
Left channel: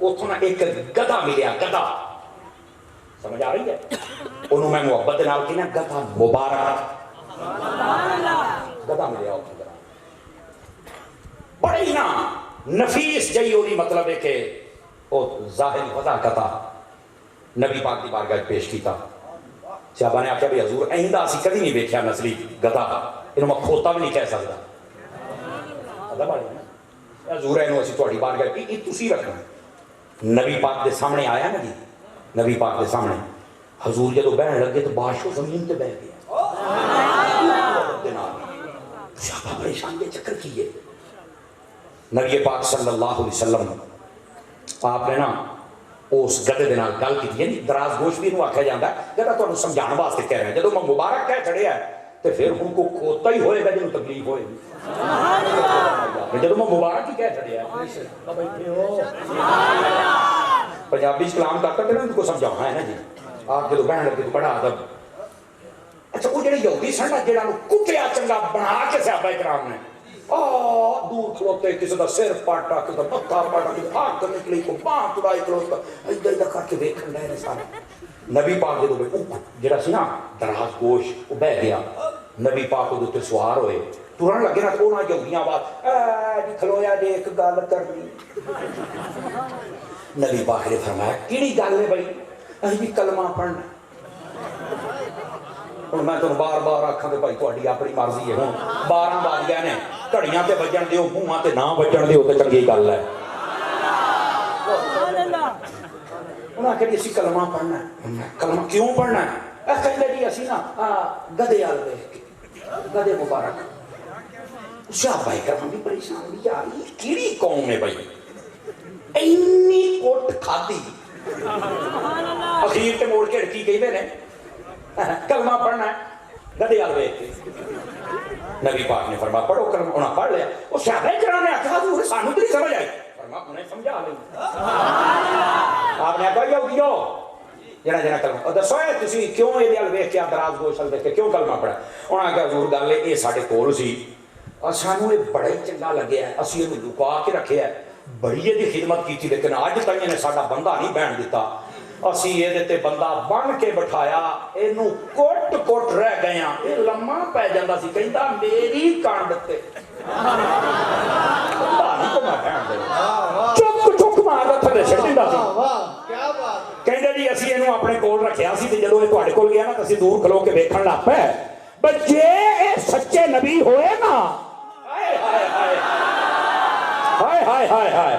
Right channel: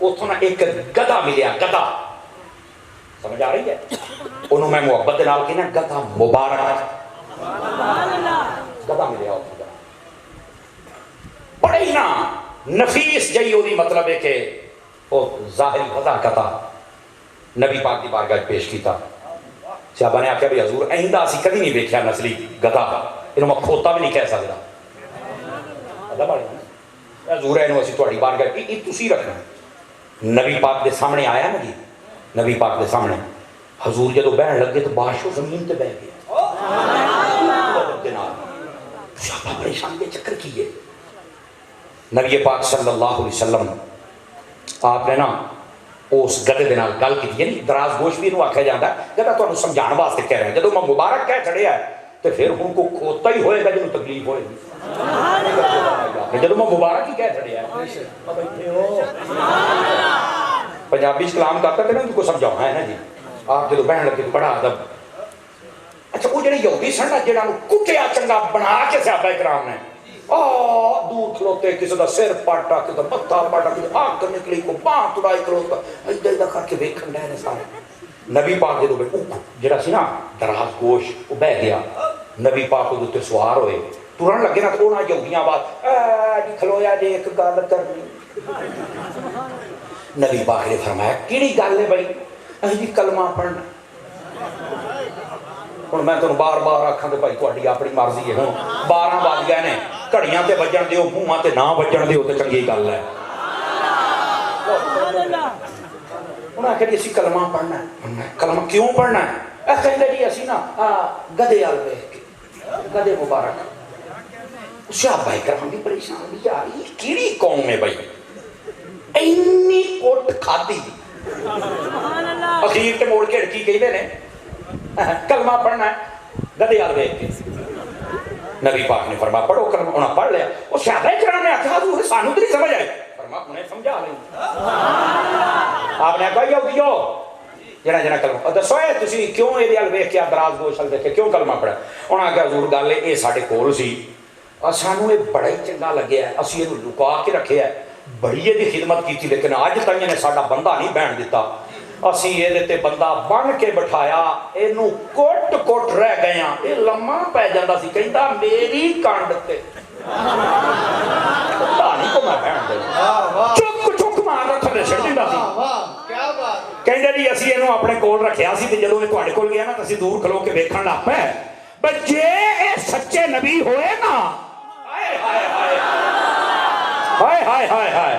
اتوں نہ ایک گدھا ملیا، گدھا سمجھ آ رہی ہے؟ انہوں میں محبت دے نال کہنا گدھا مبارک، گدھا ملیا اتوں بڑے ہی نا نفیس جئی ہوئی، مطلب ہے کہ وہ ظاہر وضع کتا نبی پاک دی بارگاہ پیش کیتا۔ صحابہ نے آخیا بھی حضور آئندہ اسی کدی نہیں دیکھا نسلی گدھا، انہوں میں کھوتا بھی نہیں کہہ سکتا۔ گدھا بڑے نا حضور اینو اسی تہاڈی بارگاہ کی تسی رکھنا۔ نبی پاک دے سامنے آیا نا جی، نبی پاک دے سامنے حضور جدو بہن لگے تو باشو زمین تے بہ گیا۔ صحابہ پریشان کے چکر کیے، نبی پاک صلی اللہ علیہ وسلم آپ نے نا اس گدھے دے نال گل کی، یعنی دراز گوش بھی انہوں آکھیا جاندا ہے، گدھا تانوں سمجھان واسطے کہہ رہے ہیں، جدوں میں مبارک کہہ چھڑیا ہے تو پھر ہوں کو کھوتا ہی ہوئے گا جنہوں تکلیف ہوئے گی جب میں مبارک ہی کہہ چھڑیا بیٹھے ہو پنجابی کلام کرتا تھا نا ان کو سمجھاؤں ہے نا جی آپ جب بہن لگے تو بڑا ادب اچھا وہ جڑے یہودی سن جہاں کٹیا چنگا بنا کے صحابہ کرام نے دور کھلوتے کسی کا سر پاٹا کسی کا متھا پاٹا کسی آنکھ نکلی کو باں تڑائی کھلوتا ادھر ادھر کر کے ویکھن ڈے نے سارے نبی پاک جدو جڑا سی نا دراز گوش وہ بہ گیا نبی پاک وہ تے سوار ہوئے ترن لگے نا تو نہ یہودیاں بات کھلویا جی ایک گل کرنی نبی پاک نے فرمایا کیڑی گل ہے بھائی اسی کلمہ پڑھنا ہوں میں تمہیں بار بار آکھاں تے بھائی تہاڈی اپنی مرضی ہے ہوں 12 بج گئے نے گھڑیاں تے بجن دیو منہاں تے نہ بجن دیو تے چنگی گل ہے انہاں کہ اسی کلمہ پڑھنا ہے کلمہ کیوں پڑھنا ہے کہندے جی اسی نا گدے وال ویکھ کے گدے مبارک صحابہ کرام بھی پریشان بھی یار یہ کیڑی قوم ہے بھائی اینی کوٹ کھادی اخیر تے موڑ کے کی کہندے نے کلمہ پڑھنا ہے گدے وال ویکھ کے نبی پاک نے فرمایا پڑھو کلمہ انہاں پڑھ لیا وہ صحابہ کرام نے آکھا حضور سانو تے نہیں سمجھ آئی فرمایا انہیں سمجھا لیں آپ نے کہا یہودیو جنا جنا کلمہ دسو تسی کیوں یہ وال ویکھ کے دراز گوش وال ویکھ کے کیوں کلمہ پڑھا انہاں کہا حضور گل یہ ساڈے کول سی سانو یہ بڑا ہی چنگا لگیا ہے اسی یہ لکا کے رکھیا ہے بڑی یہ خدمت کی تھی لیکن اج تائیں نے ساڈا بندہ نہیں بہن دیتا اسی یہ تے بندہ بن کے بٹھایا اینو کوٹ کوٹ رہ گئے ہیں یہ لمحہ پی جاندا سی کہندا میری کانڈ تے نہیں کو میں بہن چک چک ماردا تھلے چھڈ دیندا سی کیا بات کہندا جی اسی اینو اپنے کول رکھیا سی تے جدوں یہ تواڈے کول گیا نا تے اسی دور کھلو کے ویکھن لگ پئے بچے اے سچے نبی ہوئے نا ہائے ہائے ہائے ہائے ہائے ہائے ہائے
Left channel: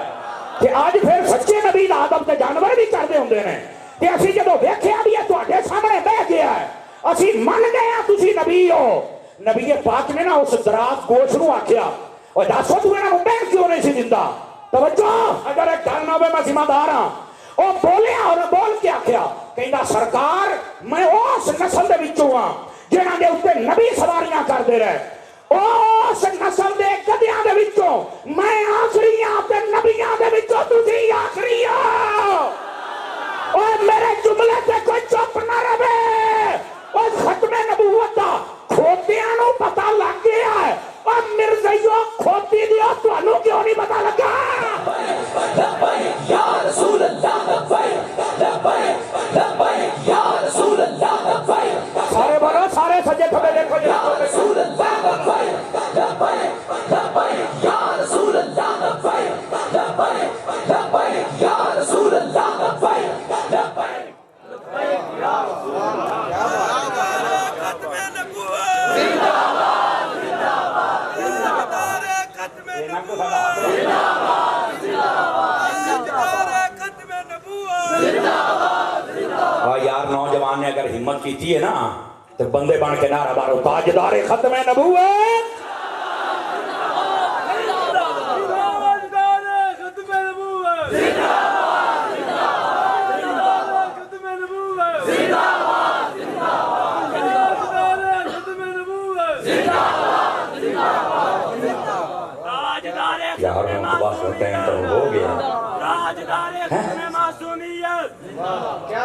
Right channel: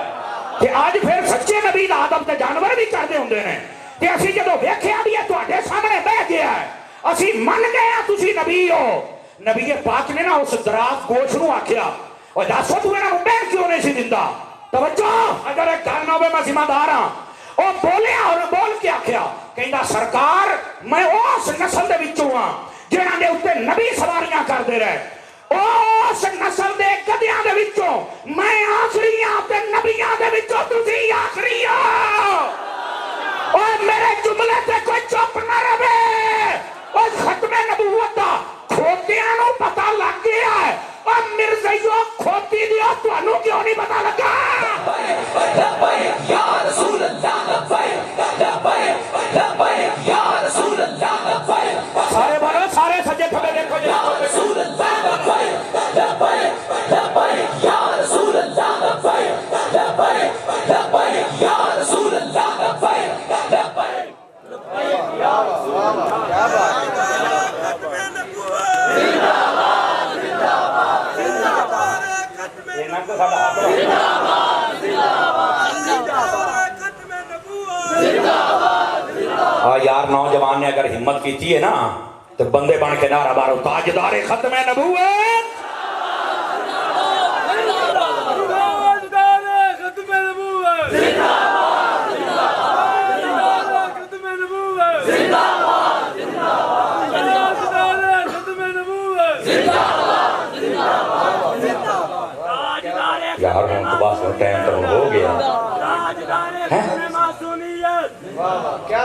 کہ آج پھر سچے نبی دا ادب تے جانور بھی کردے ہوندے نے کہ اسی جدوں ویکھیا بھی ہے تواڈے سامنے بیٹھ گیا ہے اسی من گئے ہیں تسی نبی ہو نبی پاک نے نا اس دراز گوش نو آکھیا او دسو تو انہاں نوں بیٹھ کیوں نہیں سی دیندا توجہ اگر ایک گل نہ ہوے میں ذمہ دار ہاں او بولیا اور بول کے آکھیا کہندا سرکار میں اس نسل دے وچوں ہاں جنہاں دے اوتے نبی سواریاں کردے رہے اس نسل دے گدیاں دے وچوں میں آخری ہاں تے نبیاں دے وچوں تسی آخری ہو اور میرے جملے تے کوئی چپ نہ رہے اور ختم نبوت دا کھوتیاں نوں پتہ لگ گیا ہے اور مرزائیوں کھوتی دیو تانوں کیوں نہیں پتہ لگا لبیک یا رسول اللہ لبیک لبیک لبیک یا رسول اللہ لبیک سارے بولو سارے سجے کھبے دیکھو یا رسول اللہ لبیک لبیک لبیک یا رسول اللہ لبیک لبیک لبیک یا رسول اللہ لبیک لبیک لبیک یا رسول اللہ کیا بات یار نوجوان نے اگر ہمت کی ہے نا تو بندے بن کے نعرہ مارو تاجدار ختم نبوت یار ہم تو بس ٹائم تو ہو گیا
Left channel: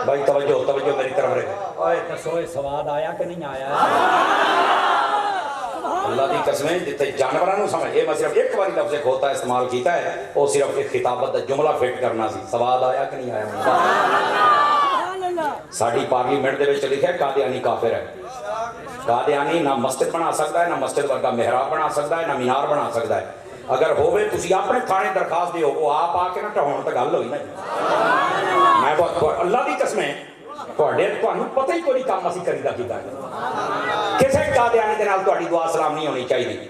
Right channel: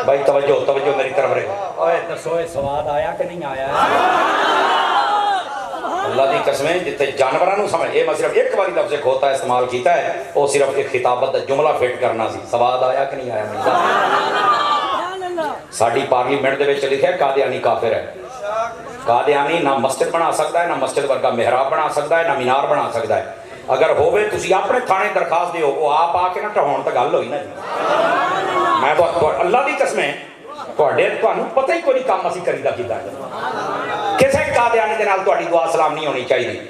بھائی توجہ توجہ میری طرف رہے اوے دسو سواد آیا کہ نہیں آیا اللہ دی قسمیں جتے جانوراں نوں سمجھ اے میں صرف ایک بار لفظ کھوتا استعمال کیتا ہے وہ صرف ایک خطابت دا جملہ فٹ کرنا سی سواد آیا کہ نہیں آیا ساڈی پارلیمنٹ دے وچ لکھیا ہے قادیانی کافر ہے قادیانی نہ مسجد بنا سکتا ہے نہ مسجد ورگا محراب بنا سکتا ہے نہ مینار بنا سکتا ہے اگر ہوئے تسی اپنے تھانے درخواست دیو وہ آپ آ کے نہ ٹھہون تے گل ہوئی نا میں تو اللہ دی قسمیں تواڈے تانوں پتہ ہی کوئی کام اسی کریدا کیتا ہے کسے قادیانی دے نال تہاڈی دعا سلام نہیں ہونی چاہیے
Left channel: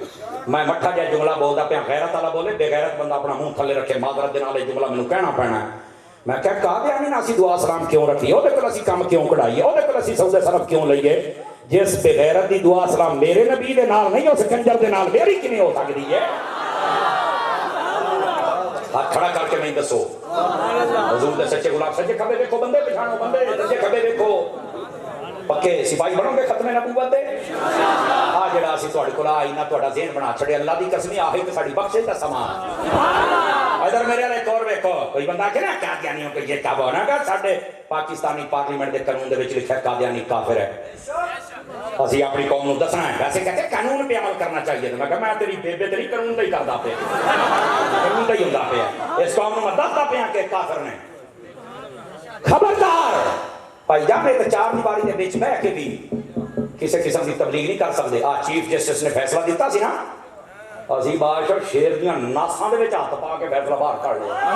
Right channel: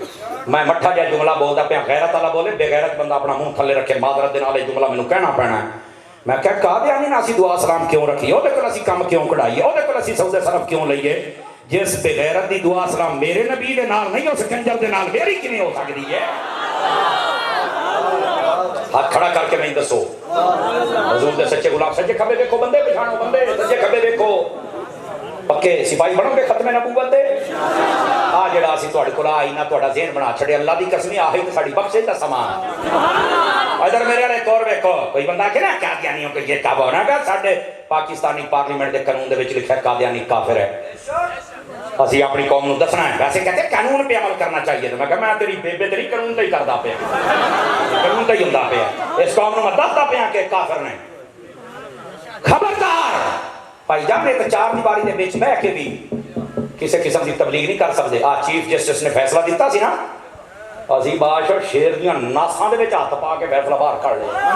میں مٹھا جا جملہ بولدا پیا غیرت والا بولے بے غیرت بندہ اپنا منہ تھلے رکھے معذرت دے نال جملہ مینوں کہنا پینا ہے میں کہا قادیانی نے اسی دعا سلام کیوں رکھی او دے کول اسی کام کیوں کڑائیے او دے کول اسی سودے صرف کیوں لئیے جس بے غیرت دی دعا سلام میرے نبی دے نال نہیں اس کنجر دے نال میری کیویں ہو سکدی ہے ہاتھ کھڑا کر کے نہیں دسو حضور دے سچے غلام سچے کھبے دیکھو بندے پچھاڑو بندے سچے کھبے دیکھو پکے سپاہی بنو گے ختم نبوت دے ਆ ਜਿਹੜਾ ਅਸੀਂ ਤੁਹਾਡੇ ਕੋਲ ਆਈ ਨਾ ਤੁਹਾਡਾ ਜ਼ਹਿਨ ਬਣਾ ਛੜੇ ਅੱਲਾ ਦੀ ਕਸਮ ਆਹੀ ਤੇ ਸਾਡੀ ਬਖਸ਼ਿਸ਼ ਦਾ ਸਮਾਂ ਇਧਰ ਮੇਰੇ ਵਾਲੇ ਤੌਰ ਵੇਖੋ ਕੋਈ ਬੰਦਾ ਕਿ ਨਾ ਕਾਦੀਆਨੀਆਂ ਕੋ ਇਹ ਤਬ ਹੋਣਾ ਕਿ ਸਾਡੇ ਪਾਕਿਸਤਾਨੀ ਪਾਰਲੀਮੈਂਟ ਦੇ ਕਾਨੂੰਨ ਦੇ ਵਿੱਚ ਲਿਖਿਆ ਕਾਦੀਆਨੀ ਕਾਫਿਰ ਹੈ ਅਸੀਂ ਆਪਣੀ ਕੌਮ ਨੂੰ ਦੱਸਣਾ ਹੈ ਵੈਸੇ ਕਹਿੰਦੇ ਕਾਨੂੰਨ 'ਤੇ ਅਮਲ ਕਰਨਾ ਚਾਹੀਏ ਤੇ ਮੈਂ ਕਿਹਾ ਮੈਂ ਤੇਰੀ ਬੇਬੇ ਤੇਰੀ ਕਾਨੂੰਨ ਦਾ ਹੀ ਕਰਦਾ ਪਿਆ ਕਾਨੂੰਨ ਦਾ ਹੀ ਹੁੰਦਾ ਪਿਆ ਇਸ ਕੌਮ ਨੂੰ ਮੈਂ ਦੱਸਦਾ ਪਿਆ ਕਿ ਕਾਫਿਰ ਨੇ ਖਬਰਦਾਰ ਭਾਈ ਜਾਨ ਇੱਕ ਚਾਰ ਦੀਵਾਰੀ ਦੇ ਵਿੱਚ ਬਹਿ ਕੇ ਵੀ ਕਿਸੇ ਕਿਸਮ ਦੀ ਤਬਲੀਗ ਨਹੀਂ ਕਰ ਸਕਦੇ ਆ ਚੀਫ ਜਸਟਿਸ ਨੇ ਫੈਸਲਾ ਦਿੱਤਾ ਸੀ ਨਾ ਅਸੀਂ ਬਾਦਸ਼ਾਹ ਸ਼ੇਰ ਦੀਆਂ ਨਾਸਾਂ ਦੇ ਵਿੱਚ ਹੱਥ ਪਾ ਕੇ ਫੈਸਲਾ ਬਾਹਰ ਕੱਢ ਲਿਆ